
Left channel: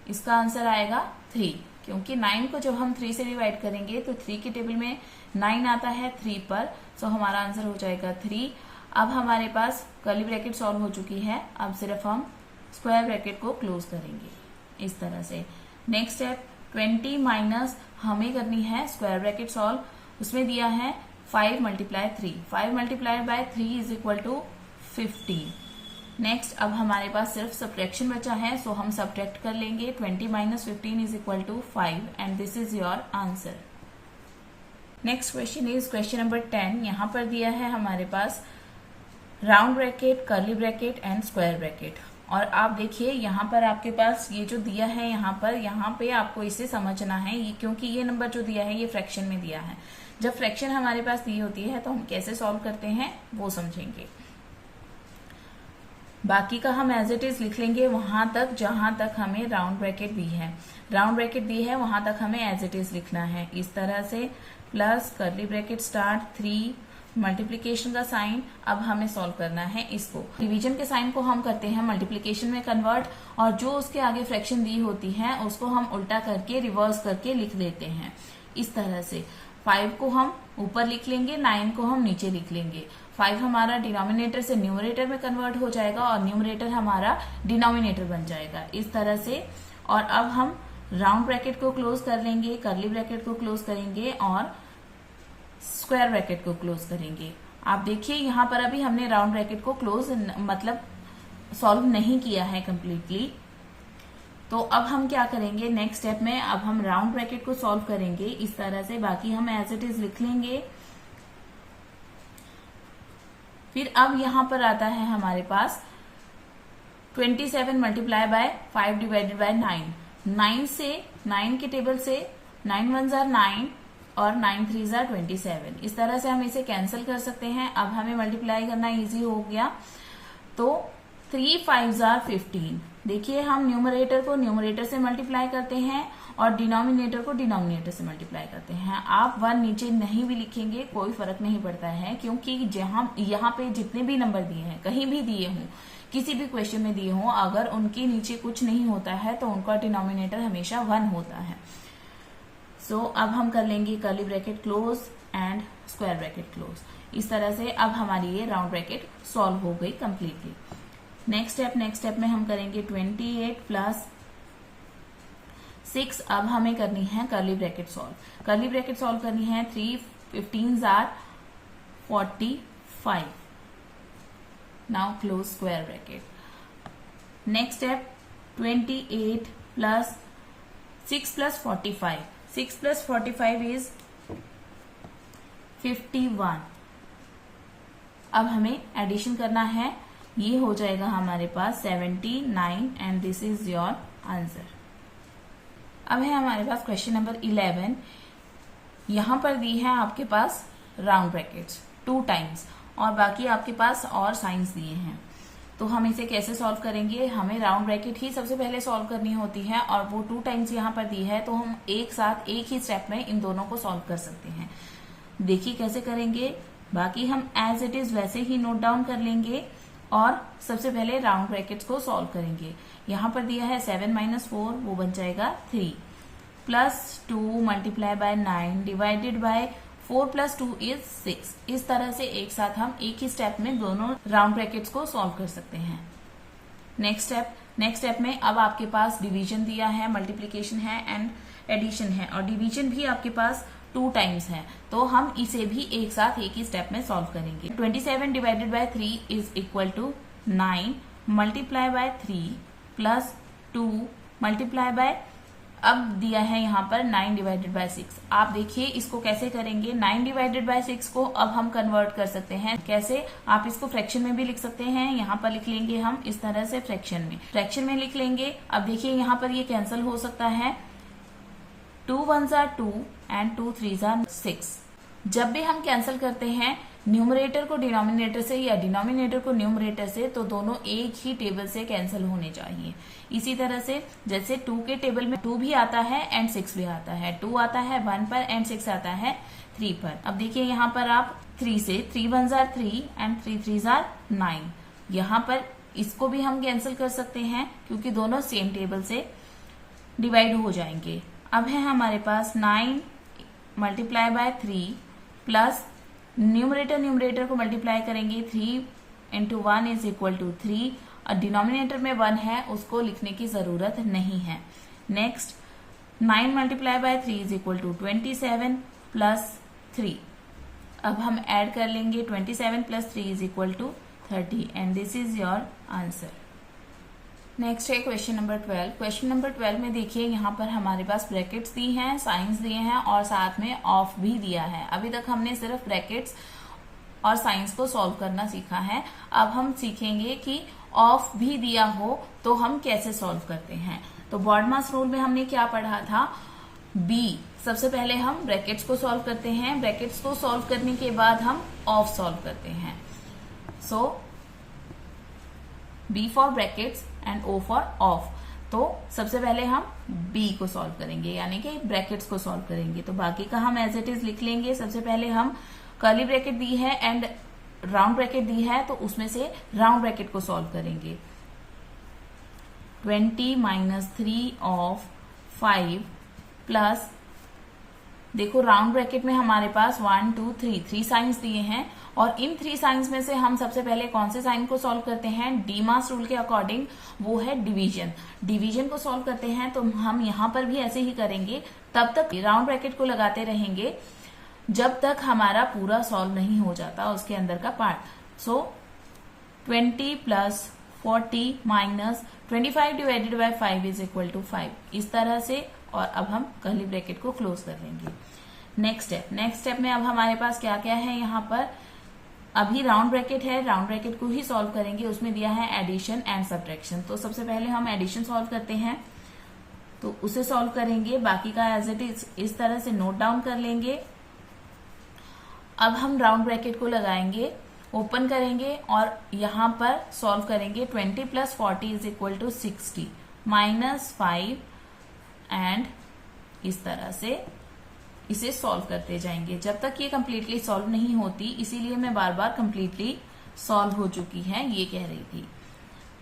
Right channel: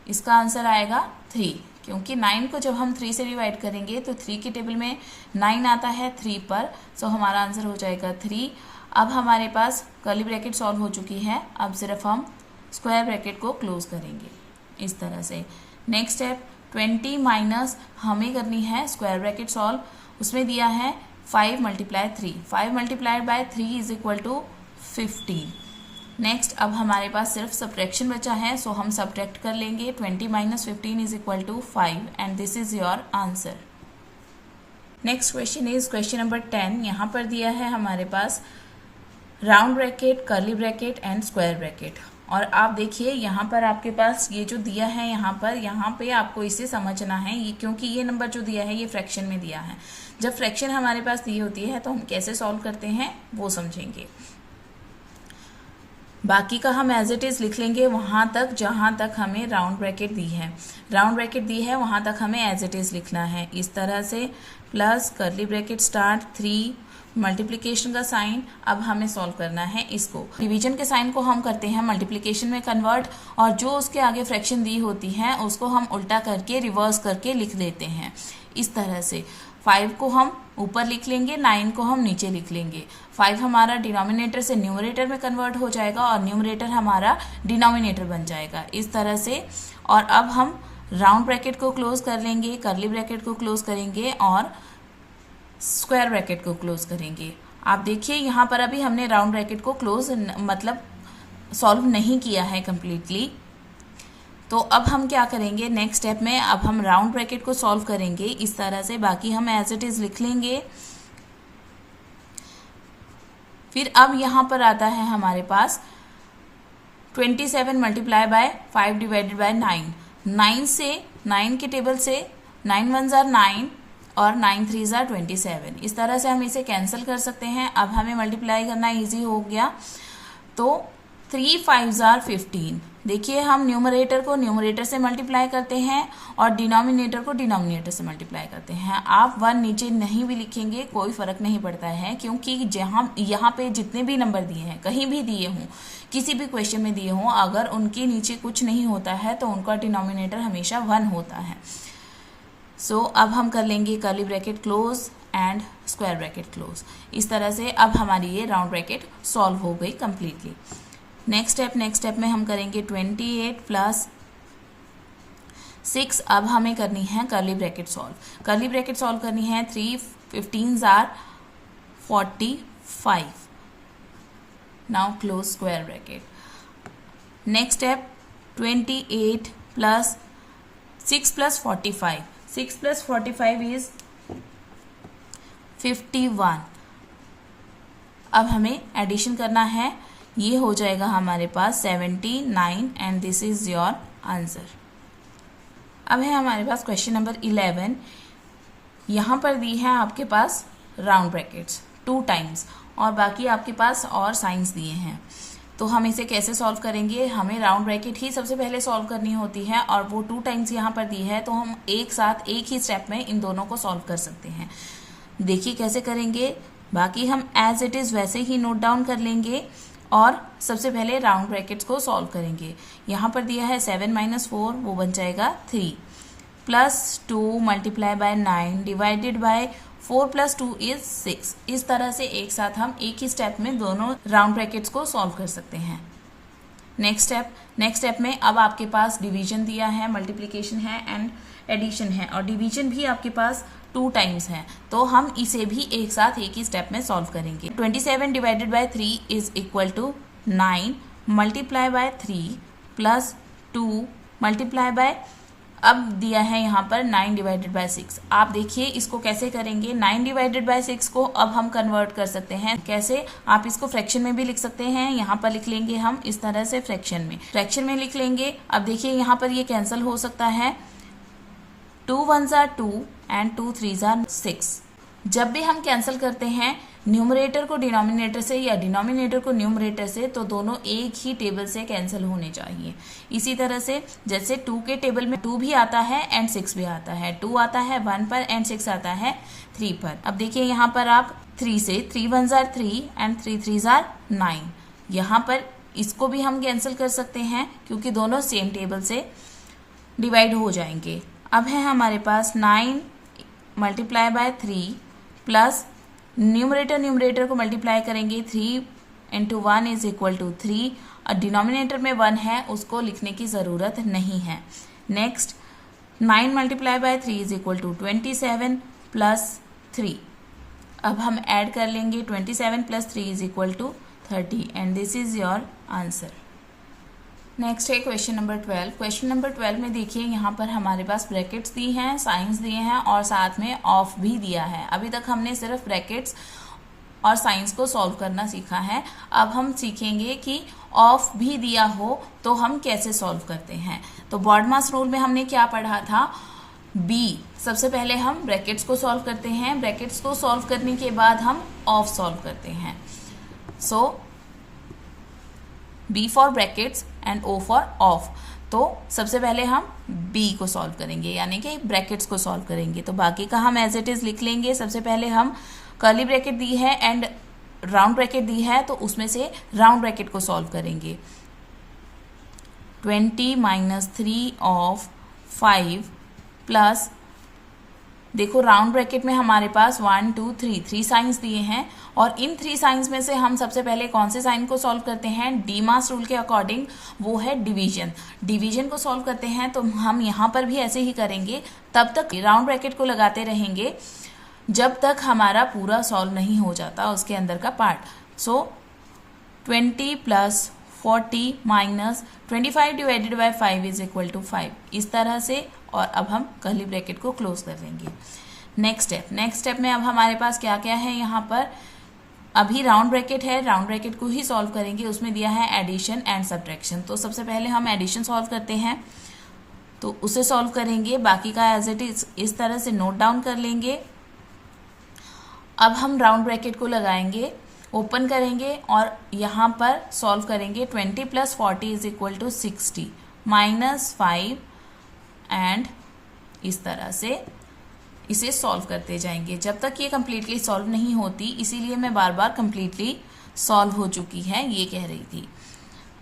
इसका आंसर आएगा 3, क्योंकि 9 को जब हम 3 से डिवाइड करेंगे तो 3 की टेबल में 9 आता है 3 पर, सो हमारा आंसर हो जाएगा 3। अब हमारे पास कर्ली ब्रैकेट सॉल्व हो चुकी है, अब सिर्फ हम स्क्वायर ब्रैकेट को क्लोज करेंगे इस तरह से। नेक्स्ट स्टेप 20 माइनस हमें करनी है स्क्वायर ब्रैकेट सॉल्व, उसमें दिया है 5 × 3, 5 × 3 इज इक्वल टू 15। नेक्स्ट अब हमारे पास सिर्फ सब्ट्रैक्शन बचा है, सो हम सब्ट्रैक्ट कर लेंगे। 20 - 15 is equal to 5 and this is your answer. Next question is question number 10। यहाँ पर दिया है हमारे पास round bracket, curly bracket and square bracket. और आप देखिए यहाँ पर आपके पास ये जो दिया है यहाँ पे आपको इसे समझना है, ये क्योंकि ये नंबर जो दिया है ये फ्रैक्शन में दिया है। जब फ्रैक्शन हमारे पास दी होती है तो हम कैसे सॉल्व करते हैं वो समझेंगे। बाकी का हम एज इट इज लिख लेंगे वहां तक जहां तक हमें राउंड ब्रैकेट दी है। राउंड ब्रैकेट दी है वहां तक हमें एज इट इज लिखना है इस तरह से, plus curly bracket start 3 multiplication का साइन। अब हमें सॉल्व करना है इसको। डिवीजन के साइन को हम करते हैं मल्टीप्लिकेशन में कन्वर्ट, और जो उसके आगे फ्रैक्शन दी होती है उसको हम उल्टा करके रिवर्स करके लिख देते हैं इस तरह से। 5 को हम ऊपर लिख लेंगे, 9 को हम नीचे लिख लेंगे। 5 हमारा डिनोमिनेटर से न्यूमरेटर में कन्वर्ट हो जाएगा और न्यूमरेटर हमारा डिनोमिनेटर बन जाएगा इस तरह से। और अब हम राउंड ब्रैकेट को क्लोज कर लेंगे, कर्ली ब्रैकेट को क्लोज करेंगे और स्क्वायर ब्रैकेट को क्लोज करेंगे। आप देखिए यहाँ पर अभी हमने राउंड ब्रैकेट को क्लोज मतलब सॉल्व नहीं किया है कंप्लीटली। तो अब हम क्या करेंगे नेक्स्ट स्टेप में, अब हम राउंड ब्रैकेट को सॉल्व करेंगे इस तरह से, बाकी हम एज इट इज लिख लेंगे। फिर अब यहाँ पर आता है हमारे पास 27 × 5 डिवाइडेड बाय 9। 9 से 9 के टेबल से 9 × 1 = 9 और 9 × 3 = 27। इस तरह से हम इसे कैंसिल कर सकते हैं। अब हमें मल्टीप्लाई करना इजी हो गया, तो 3 × 5 = 15। देखिए हम न्यूमरेटर को न्यूमरेटर से मल्टीप्लाई करते हैं और डिनोमिनेटर को डिनोमिनेटर से मल्टीप्लाई करते हैं। आप 1 नीचे नहीं भी लिखेंगे कोई फर्क नहीं पड़ता है, क्योंकि जहाँ यहाँ पे जितने भी नंबर दिए हैं, कहीं भी दिए हों, किसी भी क्वेश्चन में दिए हों, अगर उनके नीचे कुछ नहीं होता है तो उनका डिनोमिनेटर हमेशा 1 होता है। सो अब हम कर लेंगे curly bracket close and square bracket close इस तरह से। अब हमारी ये राउंड ब्रैकेट सॉल्व हो गई कम्प्लीटली। नेक्स्ट स्टेप में हम करेंगे 28 + 6। अब हमें करनी है curly bracket solve. Curly bracket solve करनी है 3 × 15 = 45। Now close square bracket. Next step 28 + 6 + 45। 6 + 45 is 51। अब हमें एडिशन करना है, ये हो जाएगा हमारे पास 79 and this is your answer. अब है हमारे पास क्वेश्चन नंबर 11। यहाँ पर दी है आपके पास राउंड ब्रैकेट्स 2 टाइम्स और बाकी आपके पास और साइंस दिए हैं। तो हम इसे कैसे सॉल्व करेंगे, हमें राउंड ब्रैकेट ही सबसे पहले सॉल्व करनी होती है और वो 2 टाइम्स यहाँ पर दी है, तो हम एक साथ एक ही स्टेप में इन दोनों को सॉल्व कर सकते हैं। देखिए कैसे करेंगे, बाकी हम एज इट इज़ वैसे ही नोट डाउन कर लेंगे और सबसे पहले राउंड ब्रैकेट्स को सॉल्व करेंगे। यहाँ पर दिया है 7 - 4, वो बन जाएगा 3, +2 × 9 डिवाइडेड बाय 4 + 2 इज 6। इस तरह से एक साथ हम एक ही स्टेप में दोनों राउंड ब्रैकेट्स को सॉल्व कर सकते हैं। नेक्स्ट स्टेप में अब आपके पास डिवीजन दिया है, मल्टीप्लिकेशन है एंड एडिशन है, और डिवीजन भी आपके पास 2 टाइम्स है, तो हम इसे भी एक साथ एक ही स्टेप में सॉल्व करेंगे। 27 divided by 3 is equal to 9 multiply by 3 + 2 multiply by, अब दिया है यहाँ पर 9 डिवाइडेड बाय 6। आप देखिए इसको कैसे करेंगे। 9 डिवाइडेड बाय 6 को अब हम कन्वर्ट कर सकते हैं। कैसे, आप इसको फ्रैक्शन में भी लिख सकते हैं। यहाँ पर लिख लेंगे हम इस तरह से, फ्रैक्शन में लिख लेंगे। अब देखिए यहाँ पर ये कैंसिल हो सकता है, 2 1s are 2 and 2 3s are 6। जब भी हम कैंसिल करते हैं न्यूमरेटर को डिनोमिनेटर से या डिनोमिनेटर को न्यूमरेटर से, तो दोनों एक ही टेबल से कैंसिल होने चाहिए। इसी तरह से जैसे 2 के टेबल में 2 भी आता है एंड 6 भी आता है, 2 आता है 1 पर एंड 6 आता है 3 पर। अब देखिए यहाँ पर आप 3 से 3 1s are 3 and 3 3s are 9, यहाँ पर इसको भी हम कैंसिल कर सकते हैं क्योंकि दोनों सेम टेबल से डिवाइड हो जाएंगे। अब है हमारे पास 9 मल्टीप्लाई बाय 3 प्लस न्यूमरेटर को मल्टीप्लाई करेंगे 3 इंटू 1 इज इक्वल टू 3, और डिनोमिनेटर में 1 है उसको लिखने की ज़रूरत नहीं है। Next 9 multiply by 3 is equal to 27 plus 3। अब हम ऐड कर लेंगे 27 plus 3 is equal to 30 and this is your answer. Next है क्वेश्चन नंबर 12। क्वेश्चन नंबर 12 में देखिए यहाँ पर हमारे पास ब्रैकेट्स दी हैं, साइंस दिए हैं और साथ में ऑफ भी दिया है। अभी तक हमने सिर्फ ब्रैकेट्स और साइंस को सॉल्व करना सीखा है। अब हम सीखेंगे कि ऑफ भी दिया हो तो हम कैसे सॉल्व करते हैं। तो बॉडमास रूल में हमने क्या पढ़ा था, बी, सबसे पहले हम ब्रैकेट्स को सॉल्व करते हैं, ब्रैकेट्स को सॉल्व करने के बाद हम ऑफ सॉल्व करते हैं। So B for brackets and O for of. तो सबसे पहले हम बी को सॉल्व करेंगे यानी कि ब्रैकेट्स को सॉल्व करेंगे। तो बाकी का हम एज इट इज लिख लेंगे। सबसे पहले हम कर्ली ब्रैकेट दी है एंड राउंड ब्रैकेट दी है तो उसमें से राउंड ब्रैकेट को सॉल्व करेंगे। 20 माइनस 3 ऑफ 5 प्लस, देखो राउंड ब्रैकेट में हमारे पास 1 2 3 साइंस दिए हैं और इन 3 साइंस में से हम सबसे पहले कौन से साइन को सॉल्व करते हैं, डीमास रूल के अकॉर्डिंग वो है डिवीजन। डिवीजन को सॉल्व करते हैं तो हम यहाँ पर भी ऐसे ही करेंगे, तब तक राउंड ब्रैकेट को लगाते रहेंगे जब तक हमारा पूरा सॉल्व नहीं हो जाता उसके अंदर का part. So 20 plus 40 minus 25 divided by 5 is equal to 5, इस तरह से। और अब हम कर्ली ब्रैकेट को क्लोज कर देंगे। नेक्स्ट स्टेप में अब हमारे पास क्या क्या है, यहाँ पर अभी राउंड ब्रैकेट है, राउंड ब्रैकेट को ही सॉल्व करेंगे। उसमें दिया है एडिशन एंड सब्ट्रैक्शन। तो सबसे पहले हम एडिशन सॉल्व करते हैं तो उसे सॉल्व करेंगे, बाकी का एज इट इज इस तरह से नोट डाउन कर लेंगे। अब हम राउंड ब्रैकेट को लगाएंगे, ओपन करेंगे और यहाँ पर सॉल्व करेंगे। 20 plus 40 is equal to 60 minus 5 and इस तरह से इसे सॉल्व करते जाएंगे जब तक ये कम्प्लीटली सॉल्व नहीं होती। इसीलिए मैं बार बार कम्प्लीटली सॉल्व हो चुकी है ये कह रही थी।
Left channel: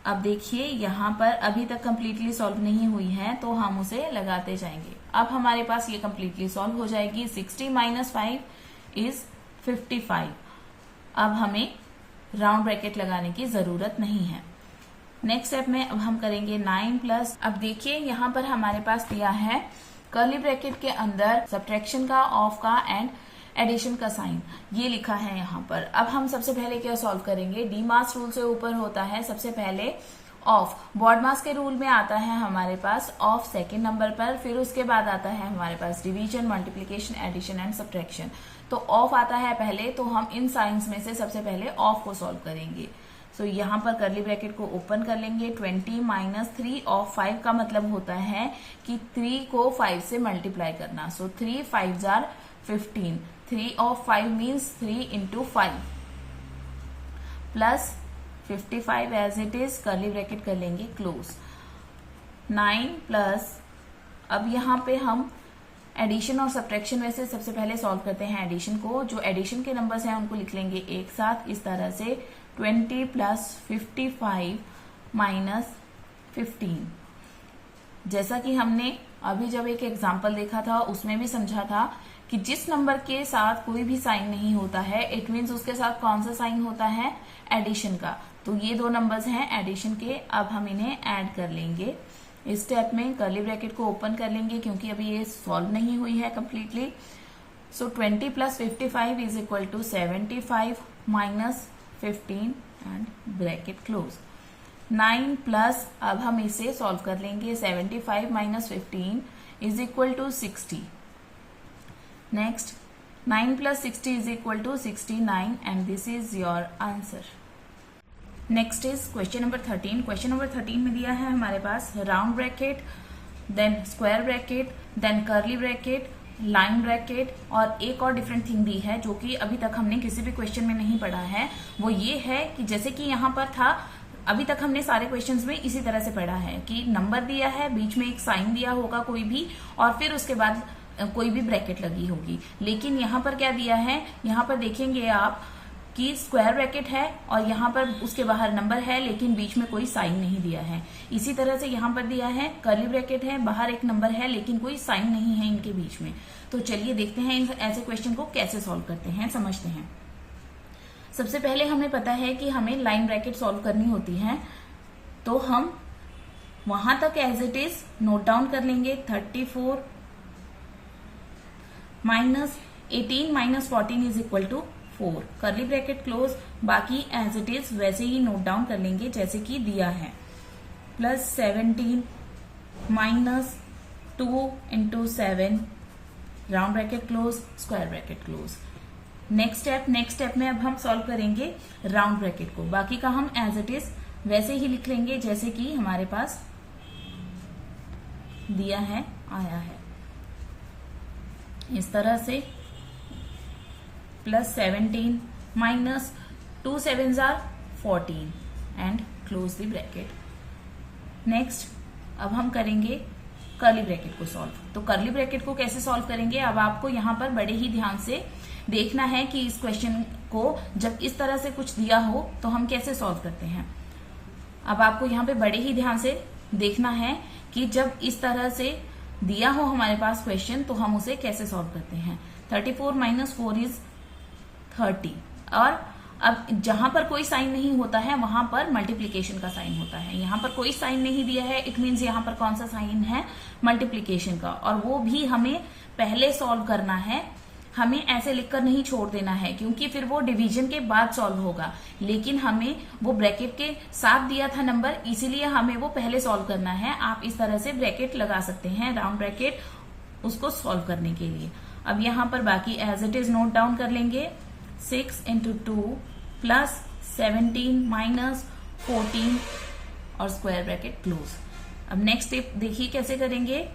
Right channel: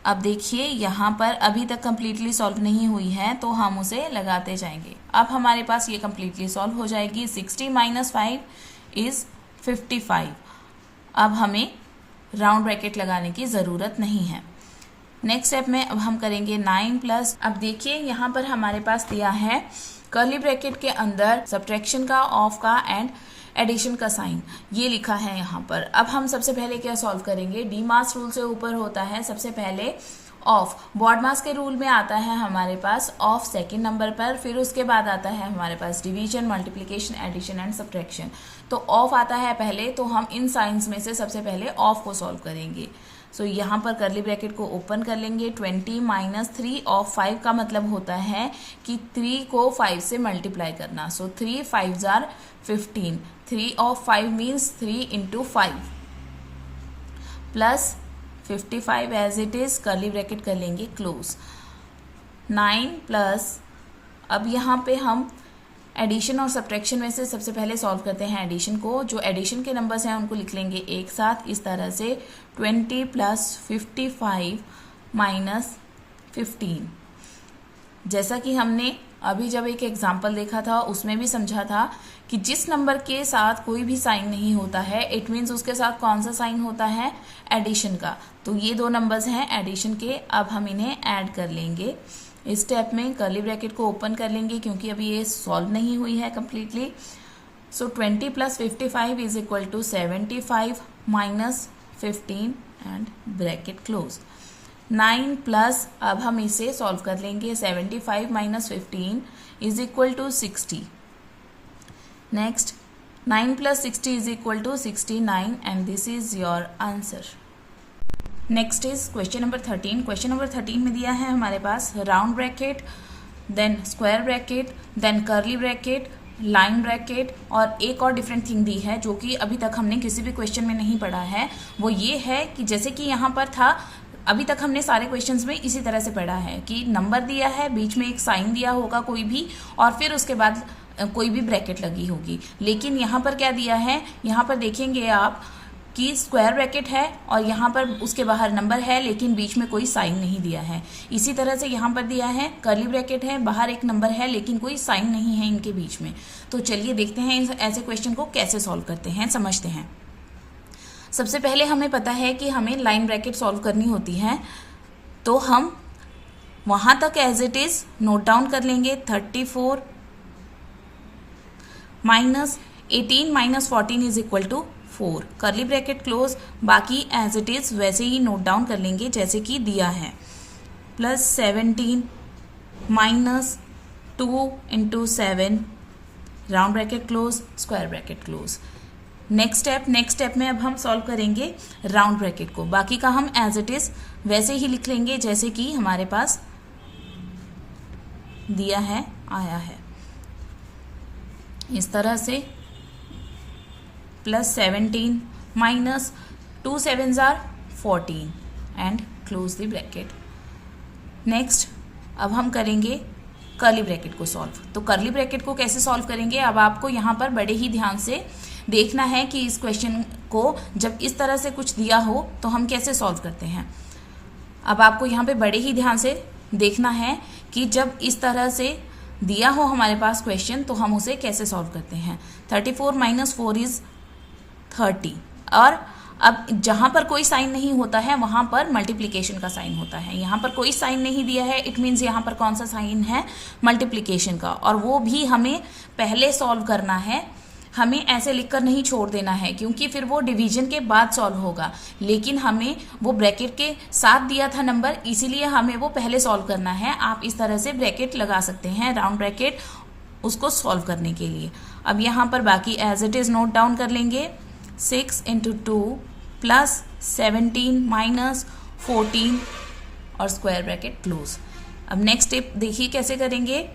अब देखिए यहाँ पर अभी तक कम्प्लीटली सॉल्व नहीं हुई है तो हम उसे लगाते जाएंगे। अब हमारे पास ये कम्प्लीटली सॉल्व हो जाएगी। 60 माइनस 5 इज 55। अब हमें राउंड ब्रैकेट लगाने की ज़रूरत नहीं है। नेक्स्ट स्टेप में अब हम करेंगे 9 प्लस, अब देखिए यहाँ पर हमारे पास दिया है कर्ली ब्रैकेट के अंदर सब्ट्रैक्शन का, ऑफ का एंड एडिशन का साइन, ये लिखा है यहाँ पर। अब हम सबसे पहले क्या सॉल्व करेंगे, डीमास रूल से ऊपर होता है सबसे पहले ऑफ, बॉडमास के रूल में आता है हमारे पास ऑफ सेकेंड नंबर पर, फिर उसके बाद आता है हमारे पास division, multiplication, addition and subtraction. तो ऑफ आता है पहले, तो हम इन साइंस में से सबसे पहले ऑफ को सॉल्व करेंगे। सो यहाँ पर कर्ली ब्रैकेट को ओपन कर लेंगे। 20 माइनस 3 ऑफ 5 का मतलब होता है कि 3 को 5 से मल्टीप्लाई करना। So 3 5s are 15, 3 of 5 means 3 into 5 plus 55 as it is, curly bracket कर लेंगे क्लोज। 9 प्लस, अब यहाँ पे हम एडिशन और सब्ट्रैक्शन में से सबसे पहले सॉल्व करते हैं एडिशन को। जो एडिशन के नंबर्स हैं उनको लिख लेंगे एक साथ इस तरह से। 20 प्लस 55 माइनस 15। जैसा कि हमने अभी जब एक एग्जाम्पल देखा था उसमें भी समझा था कि जिस नंबर के साथ कोई भी साइन नहीं होता है इट मीन्स उसके साथ कौन सा साइन होता है, एडिशन का। तो ये 2 नंबर्स हैं एडिशन के, अब हम इन्हें ऐड कर लेंगे। इस स्टेप में कर्ली ब्रैकेट को ओपन कर लेंगे क्योंकि अभी ये सॉल्व नहीं हुई है completely. So 20 plus 55 is equal to 75 minus 15 and bracket close. 9 plus, अब हम इसे सॉल्व कर लेंगे। 75 minus 15 is equal to 60। Next 9 plus 60 is equal to 69 and this is your answer. Next is question number 13। Question number 13 में दिया है हमारे पास round bracket then square bracket, then curly bracket, line bracket, और एक और डिफरेंट थिंग दी है जो कि अभी तक हमने किसी भी क्वेश्चन में नहीं पढ़ा है। वो ये है कि जैसे कि यहाँ पर था, अभी तक हमने सारे क्वेश्चंस में इसी तरह से पढ़ा है कि नंबर दिया है, बीच में एक साइन दिया होगा कोई भी, और फिर उसके बाद कोई भी ब्रैकेट लगी होगी। लेकिन यहाँ पर क्या दिया है, यहाँ पर देखेंगे आप कि स्क्वायर ब्रैकेट है और यहाँ पर उसके बाहर नंबर है, लेकिन बीच में कोई साइन नहीं दिया है। इसी तरह से यहाँ पर दिया है कर्ली ब्रैकेट है, बाहर एक नंबर है, लेकिन कोई साइन नहीं है इनके बीच में। तो चलिए देखते हैं ऐसे क्वेश्चन को कैसे सॉल्व करते हैं, समझते हैं। सबसे पहले हमें पता है कि हमें लाइन ब्रैकेट सॉल्व करनी होती है, तो हम वहां तक as it is note down कर लेंगे। 34 minus 18 minus 14 is equal to 4, curly bracket close. बाकी एज इट इज वैसे ही नोट डाउन कर लेंगे जैसे कि दिया है। Plus 17 minus 2 into 7, round bracket close, square bracket close. Next step में अब हम सॉल्व करेंगे राउंड ब्रैकेट को। बाकी का हम एज इट इज वैसे ही लिख लेंगे जैसे कि हमारे पास दिया है, आया है इस तरह से। Plus 17 minus 2 7s are 14 and close the bracket. Next अब हम करेंगे कर्ली ब्रैकेट को सॉल्व। तो कर्ली ब्रैकेट को कैसे सॉल्व करेंगे, अब आपको यहाँ पर बड़े ही ध्यान से देखना है कि इस क्वेश्चन को जब इस तरह से कुछ दिया हो तो हम कैसे सॉल्व करते हैं। अब आपको यहाँ पे बड़े ही ध्यान से देखना है कि जब इस तरह से दिया हो हमारे पास क्वेश्चन तो हम उसे कैसे सॉल्व करते हैं। 34 माइनस 4 इज 30, और अब जहां पर कोई साइन नहीं होता है वहां पर मल्टीप्लिकेशन का साइन होता है। यहाँ पर कोई साइन नहीं दिया है, इट मीन्स यहाँ पर कौन सा साइन है, मल्टीप्लिकेशन का, और वो भी हमें पहले सॉल्व करना है। हमें ऐसे लिखकर नहीं छोड़ देना है क्योंकि फिर वो डिवीजन के बाद सॉल्व होगा, लेकिन हमें वो ब्रैकेट के साथ दिया था नंबर, इसीलिए हमें वो पहले सॉल्व करना है। आप इस तरह से ब्रैकेट लगा सकते हैं, राउंड ब्रैकेट, उसको सॉल्व करने के लिए। अब यहाँ पर बाकी as it is note down कर लेंगे। 6 इंटू 2 प्लस 17 माइनस 14 और स्क्वायर ब्रैकेट क्लोज। अब नेक्स्ट स्टेप देखिए कैसे करेंगे।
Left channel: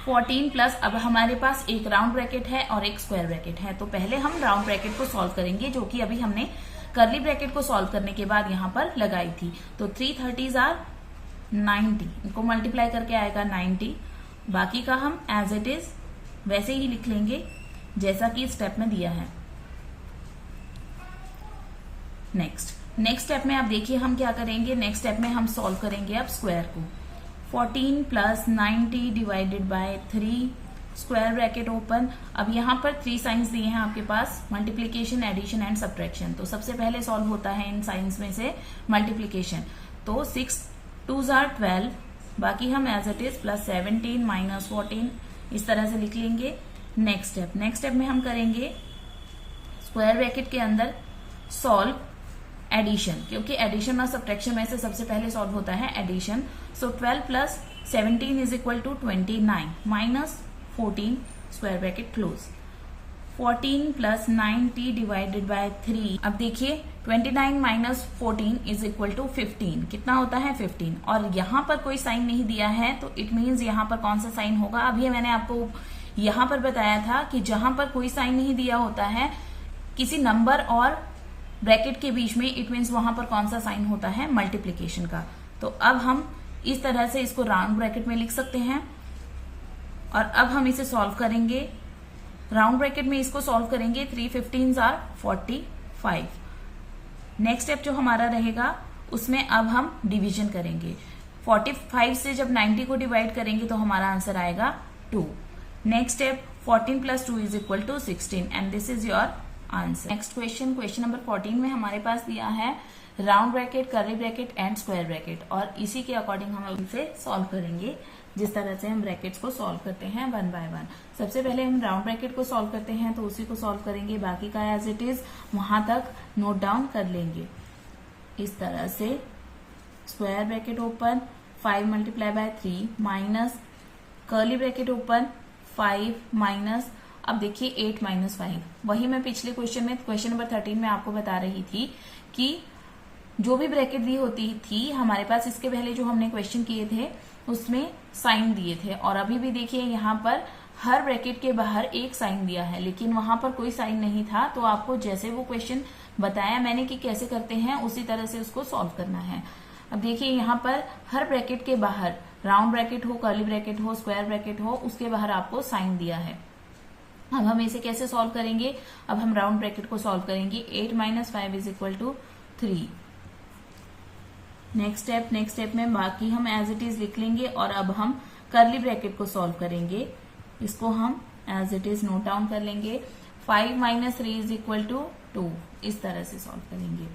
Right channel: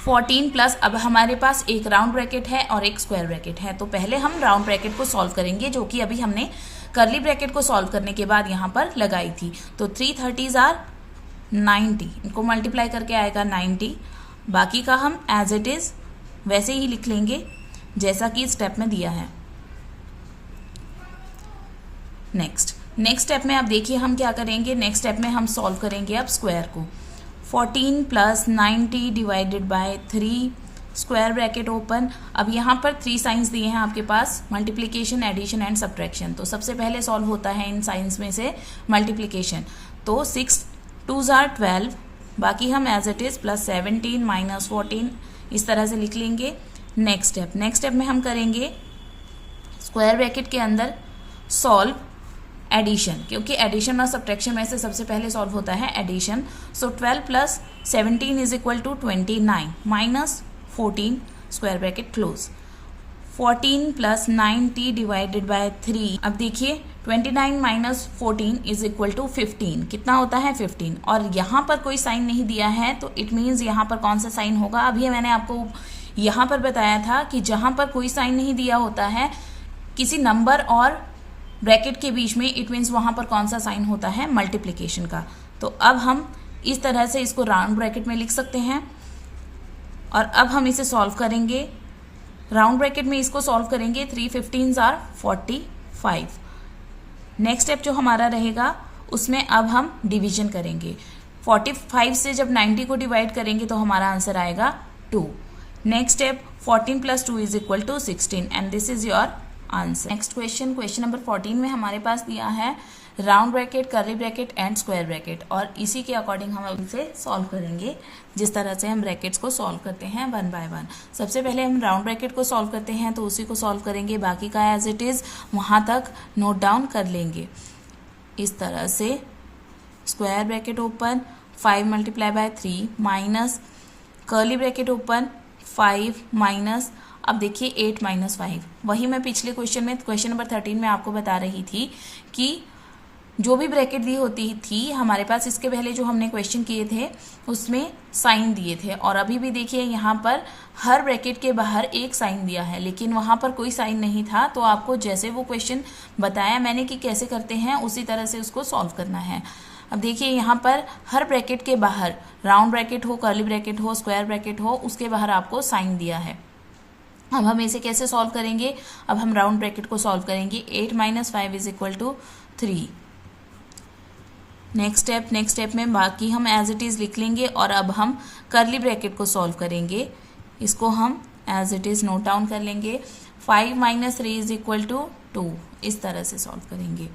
14 प्लस, अब हमारे पास एक राउंड ब्रैकेट है और एक स्क्वायर ब्रैकेट है, तो पहले हम राउंड ब्रैकेट को सॉल्व करेंगे जो कि अभी हमने कर्ली ब्रैकेट को सॉल्व करने के बाद यहाँ पर लगाई थी। तो 3 30s are 90, इनको मल्टीप्लाई करके आएगा 90। बाकी का हम एज इट इज वैसे ही लिख लेंगे जैसा कि स्टेप में दिया है। नेक्स्ट स्टेप में अब देखिए हम क्या करेंगे। नेक्स्ट स्टेप में हम सॉल्व करेंगे अब स्क्वायर को। 14 plus 90 divided by 3, square bracket open. अब यहाँ पर 3 साइंस दिए हैं आपके पास, मल्टीप्लिकेशन, एडिशन एंड सब्ट्रैक्शन। तो सबसे पहले सॉल्व होता है इन साइंस में से मल्टीप्लिकेशन। तो 6 2s are 12, बाकी हम as it is plus 17 minus 14 इस तरह से लिख लेंगे। नेक्स्ट स्टेप में हम करेंगे स्क्वायर ब्रैकेट के अंदर सॉल्व एडिशन, क्योंकि एडिशन और सब्ट्रैक्शन में से सबसे पहले सॉल्व होता है addition. So 12 plus 17 is equal to 29 minus 14 square bracket close. 14 plus 90 divided by 3। अब देखिए 29 माइनस 14 इज इक्वल टू 15, कितना होता है 15, और यहाँ पर कोई साइन नहीं दिया है तो इट मीन्स यहाँ पर कौन सा साइन होगा। अभी मैंने आपको यहाँ पर बताया था कि जहाँ पर कोई साइन नहीं दिया होता है किसी नंबर और ब्रैकेट के बीच में, इट मीन्स वहां पर कौन सा साइन होता है, मल्टीप्लिकेशन का। तो अब हम इस तरह से इसको राउंड ब्रैकेट में लिख सकते हैं और अब हम इसे सॉल्व करेंगे। राउंड ब्रैकेट में इसको सॉल्व करेंगे। 3 15s are 45। नेक्स्ट स्टेप जो हमारा रहेगा उसमें अब हम डिवीजन करेंगे। 45 से जब 90 को डिवाइड करेंगे तो हमारा आंसर आएगा 2। Next step 14 plus 2 is equal to 16 and this is your answer. Next question number 14 में हमारे पास दिया है round bracket, curly bracket and square bracket, और इसी के अकॉर्डिंग हम अब इसे सॉल्व करेंगे जिस तरह से हम ब्रैकेट्स को सॉल्व करते हैं वन बाय वन। सबसे पहले हम राउंड ब्रैकेट को सॉल्व करते हैं तो उसी को सॉल्व करेंगे, बाकी का एज इट इज वहां तक नोट डाउन कर लेंगे इस तरह से। Square bracket open 5 multiply by 3 minus curly bracket open 5 minus, अब देखिए 8 माइनस 5, वही मैं पिछले क्वेश्चन नंबर 13 में आपको बता रही थी कि जो भी ब्रैकेट दी होती थी हमारे पास, इसके पहले जो हमने क्वेश्चन किए थे उसमें साइन दिए थे, और अभी भी देखिए यहाँ पर हर ब्रैकेट के बाहर एक साइन दिया है, लेकिन वहाँ पर कोई साइन नहीं था। तो आपको जैसे वो क्वेश्चन बताया मैंने कि कैसे करते हैं, उसी तरह से उसको सॉल्व करना है। अब देखिए यहाँ पर हर ब्रैकेट के बाहर, राउंड ब्रैकेट हो, कर्ली ब्रैकेट हो, स्क्वायर ब्रैकेट हो, उसके बाहर आपको साइन दिया है। अब हम इसे कैसे सॉल्व करेंगे? अब हम राउंड ब्रैकेट को सॉल्व करेंगे। 8 - 5 = 3। नेक्स्ट स्टेप में बाकी हम एज इट इज़ लिख लेंगे, और अब हम कर्ली ब्रैकेट को सॉल्व करेंगे। इसको हम as it is note down कर लेंगे। 5 - 3 = 2, इस तरह से सॉल्व करेंगे।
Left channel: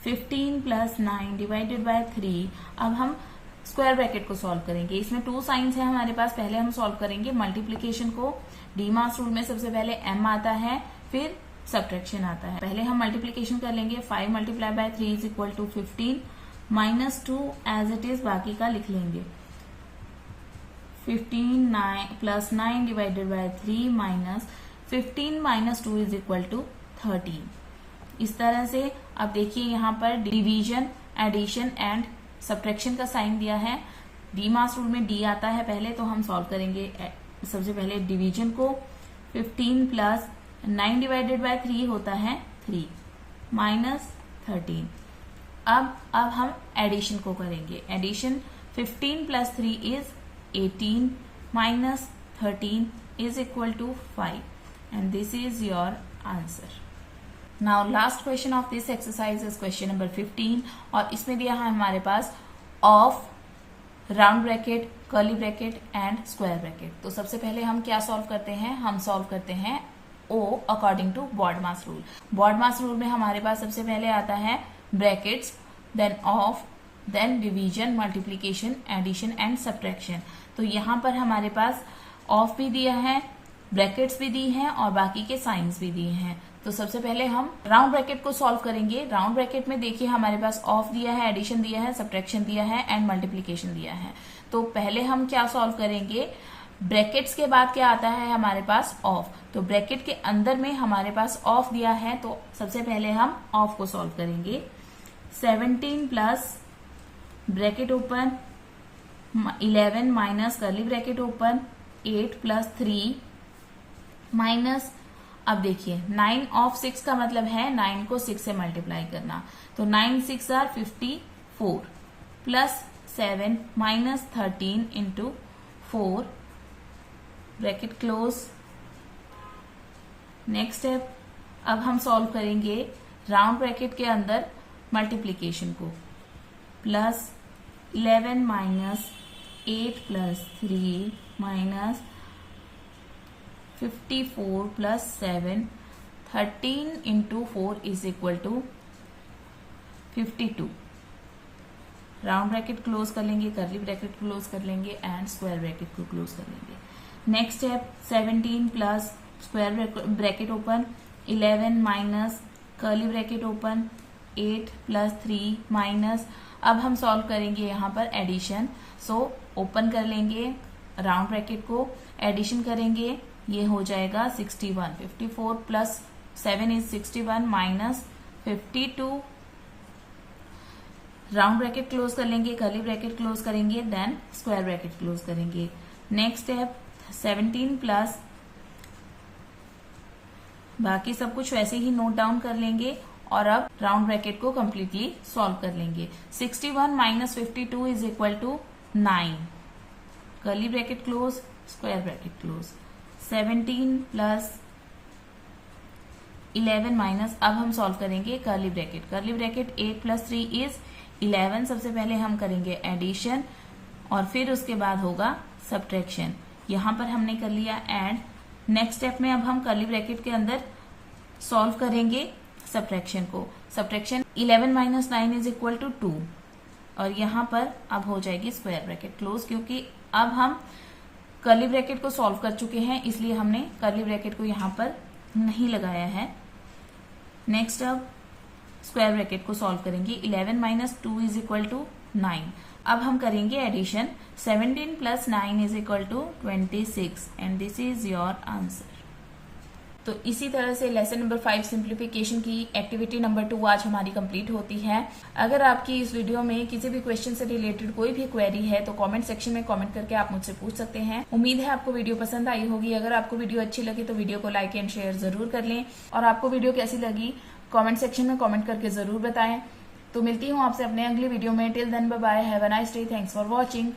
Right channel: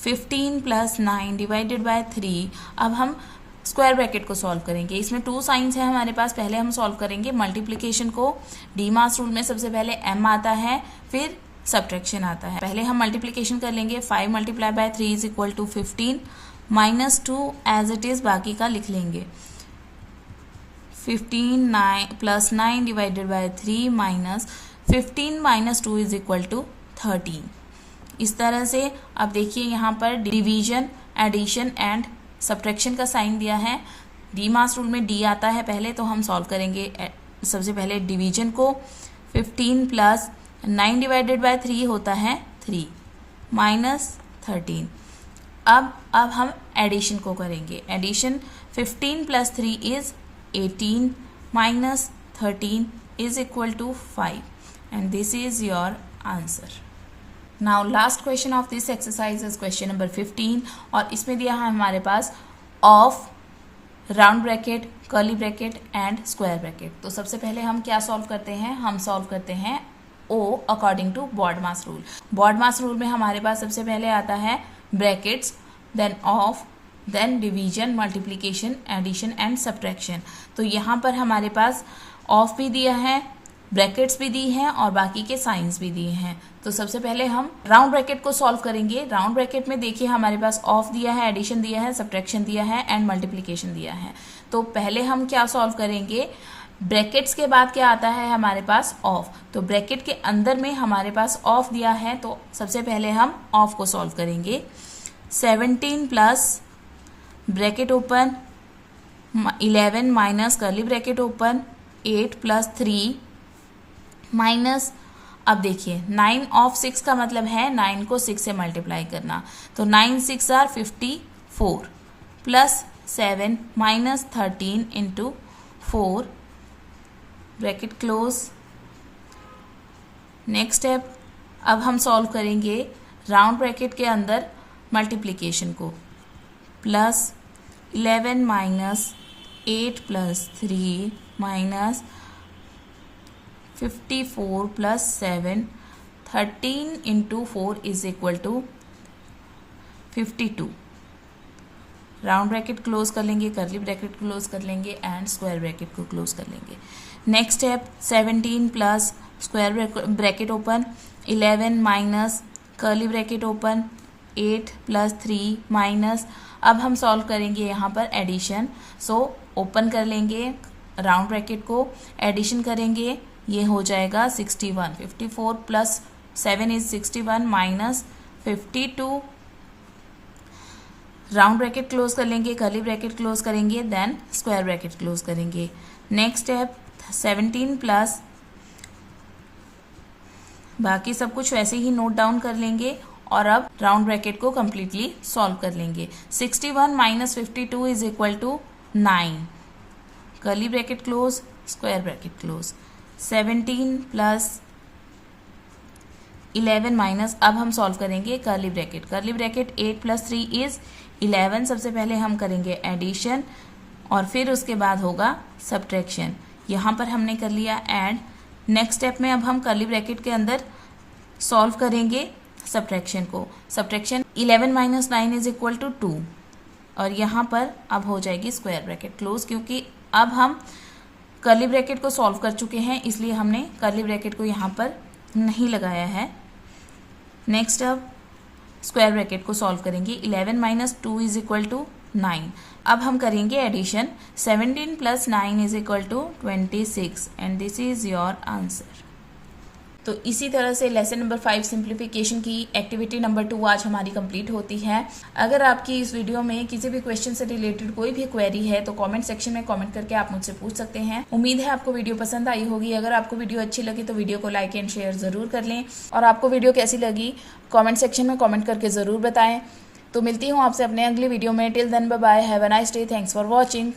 15 + 9 / 3। अब हम स्क्वायर ब्रैकेट को सॉल्व करेंगे। इसमें 2 साइंस है हमारे पास। पहले हम सॉल्व करेंगे मल्टीप्लिकेशन को। डीमास रूल में सबसे पहले m आता है, फिर सब्ट्रैक्शन आता है। पहले हम मल्टीप्लिकेशन कर लेंगे। 5 × 3 = 15 -2 एज इट इज बाकी का लिख लेंगे। 15 + 9 / 3 -15 - 2 = 13। इस तरह से अब देखिए यहाँ पर डिवीजन, एडिशन एंड सब्ट्रैक्शन का साइन दिया है। डीमास रूल में डी आता है पहले, तो हम सॉल्व करेंगे सबसे पहले डिवीजन को। 15 + 9 / 3 होता है 3 -13। अब हम एडिशन को करेंगे। Addition 15 + 3 = 18 -13 = 5, and this is your answer. Now last question of this exercise is question number 15, और इसमें दिया है हमारे पास of round bracket, curly bracket and square bracket. तो सबसे पहले हम क्या सॉल्व करते हैं? हम सॉल्व करते हैं O according to BODMAS rule. BODMAS rule में हमारे पास सबसे पहले आता है brackets, then of, then division, multiplication, addition and subtraction. तो यहाँ पर हमारे पास ऑफ भी दिया है, ब्रैकेट्स भी दी हैं, और बाकी के साइंस भी दिए हैं। तो सबसे पहले हम राउंड ब्रैकेट को सॉल्व करेंगे। राउंड ब्रैकेट में देखिए हमारे पास ऑफ दिया है, एडिशन दिया है, सब्ट्रैक्शन दिया है एंड मल्टीप्लिकेशन दिया है। तो पहले हम क्या सॉल्व करेंगे? ब्रैकेट्स के बाद क्या आता है हमारे पास? ऑफ। तो ब्रैकेट के अंदर में हमारे पास ऑफ दिया है, तो सबसे पहले हम ऑफ को सॉल्व करेंगे। 17 plus bracket open 11 minus curly bracket open 8 + 3 minus, अब देखिए 9 ऑफ 6 का मतलब है 9 को 6 से मल्टीप्लाई करना। तो 9 × 6 = 54 plus 7 minus 13 × 4 bracket close. Next step, अब हम सॉल्व करेंगे राउंड ब्रैकेट के अंदर मल्टीप्लिकेशन को। Plus 11 minus 8 + 3 minus 54 + 7 13 × 4 = 52। Round bracket close कर लेंगे, कर्ली ब्रैकेट क्लोज कर लेंगे एंड स्क्वायर ब्रैकेट को क्लोज कर लेंगे। Next step, 17 plus square bracket open 11 minus curly bracket open 8 + 3 minus, अब हम सॉल्व करेंगे यहाँ पर एडिशन। सो ओपन कर लेंगे राउंड ब्रैकेट को, एडिशन करेंगे, ये हो जाएगा 61। 54 + 7 = 61 माइनस 52। राउंड ब्रैकेट क्लोज कर लेंगे, कर्ली ब्रैकेट क्लोज करेंगे, देन स्क्वायर ब्रैकेट क्लोज करेंगे। नेक्स्ट स्टेप, 17 प्लस बाकी सब कुछ वैसे ही नोट डाउन कर लेंगे, और अब राउंड ब्रैकेट को कंप्लीटली सॉल्व कर लेंगे। 61 - 52 = 9, curly bracket close, square bracket close. 17 + 11 minus, अब हम सॉल्व करेंगे कर्ली ब्रैकेट। Curly bracket 8 + 3 = 11। सबसे पहले हम करेंगे एडिशन, और फिर उसके बाद होगा सब्ट्रैक्शन। यहाँ पर हमने कर लिया ऐड। नेक्स्ट स्टेप में अब हम कर्ली ब्रैकेट के अंदर सॉल्व करेंगे सब्ट्रैक्शन को। सब्ट्रैक्शन 11 - 9 = 2, और यहाँ पर अब हो जाएगी स्क्वायर ब्रैकेट क्लोज, क्योंकि अब हम कर्ली ब्रैकेट को सॉल्व कर चुके हैं, इसलिए हमने कर्ली ब्रैकेट को यहाँ पर नहीं लगाया है। नेक्स्ट अब स्क्वायर ब्रैकेट को सॉल्व करेंगे। 11 - 2 = 9। अब हम करेंगे addition. 17 + 9 = 26, and this is your answer. तो इसी तरह से लेसन नंबर 5 सिंप्लीफिकेशन की एक्टिविटी नंबर 2 आज हमारी कंप्लीट होती है। अगर आपकी इस वीडियो में किसी भी क्वेश्चन से रिलेटेड कोई भी क्वेरी है तो कमेंट सेक्शन में कमेंट करके आप मुझसे पूछ सकते हैं। उम्मीद है आपको वीडियो पसंद आई होगी। अगर आपको वीडियो अच्छी लगी तो वीडियो को लाइक एंड शेयर जरूर कर लें और आपको वीडियो कैसी लगी कमेंट सेक्शन में कमेंट करके जरूर बताएं। तो मिलती हूँ आपसे अपने अगले वीडियो में। Till then bye bye, have a nice day, thanks for watching.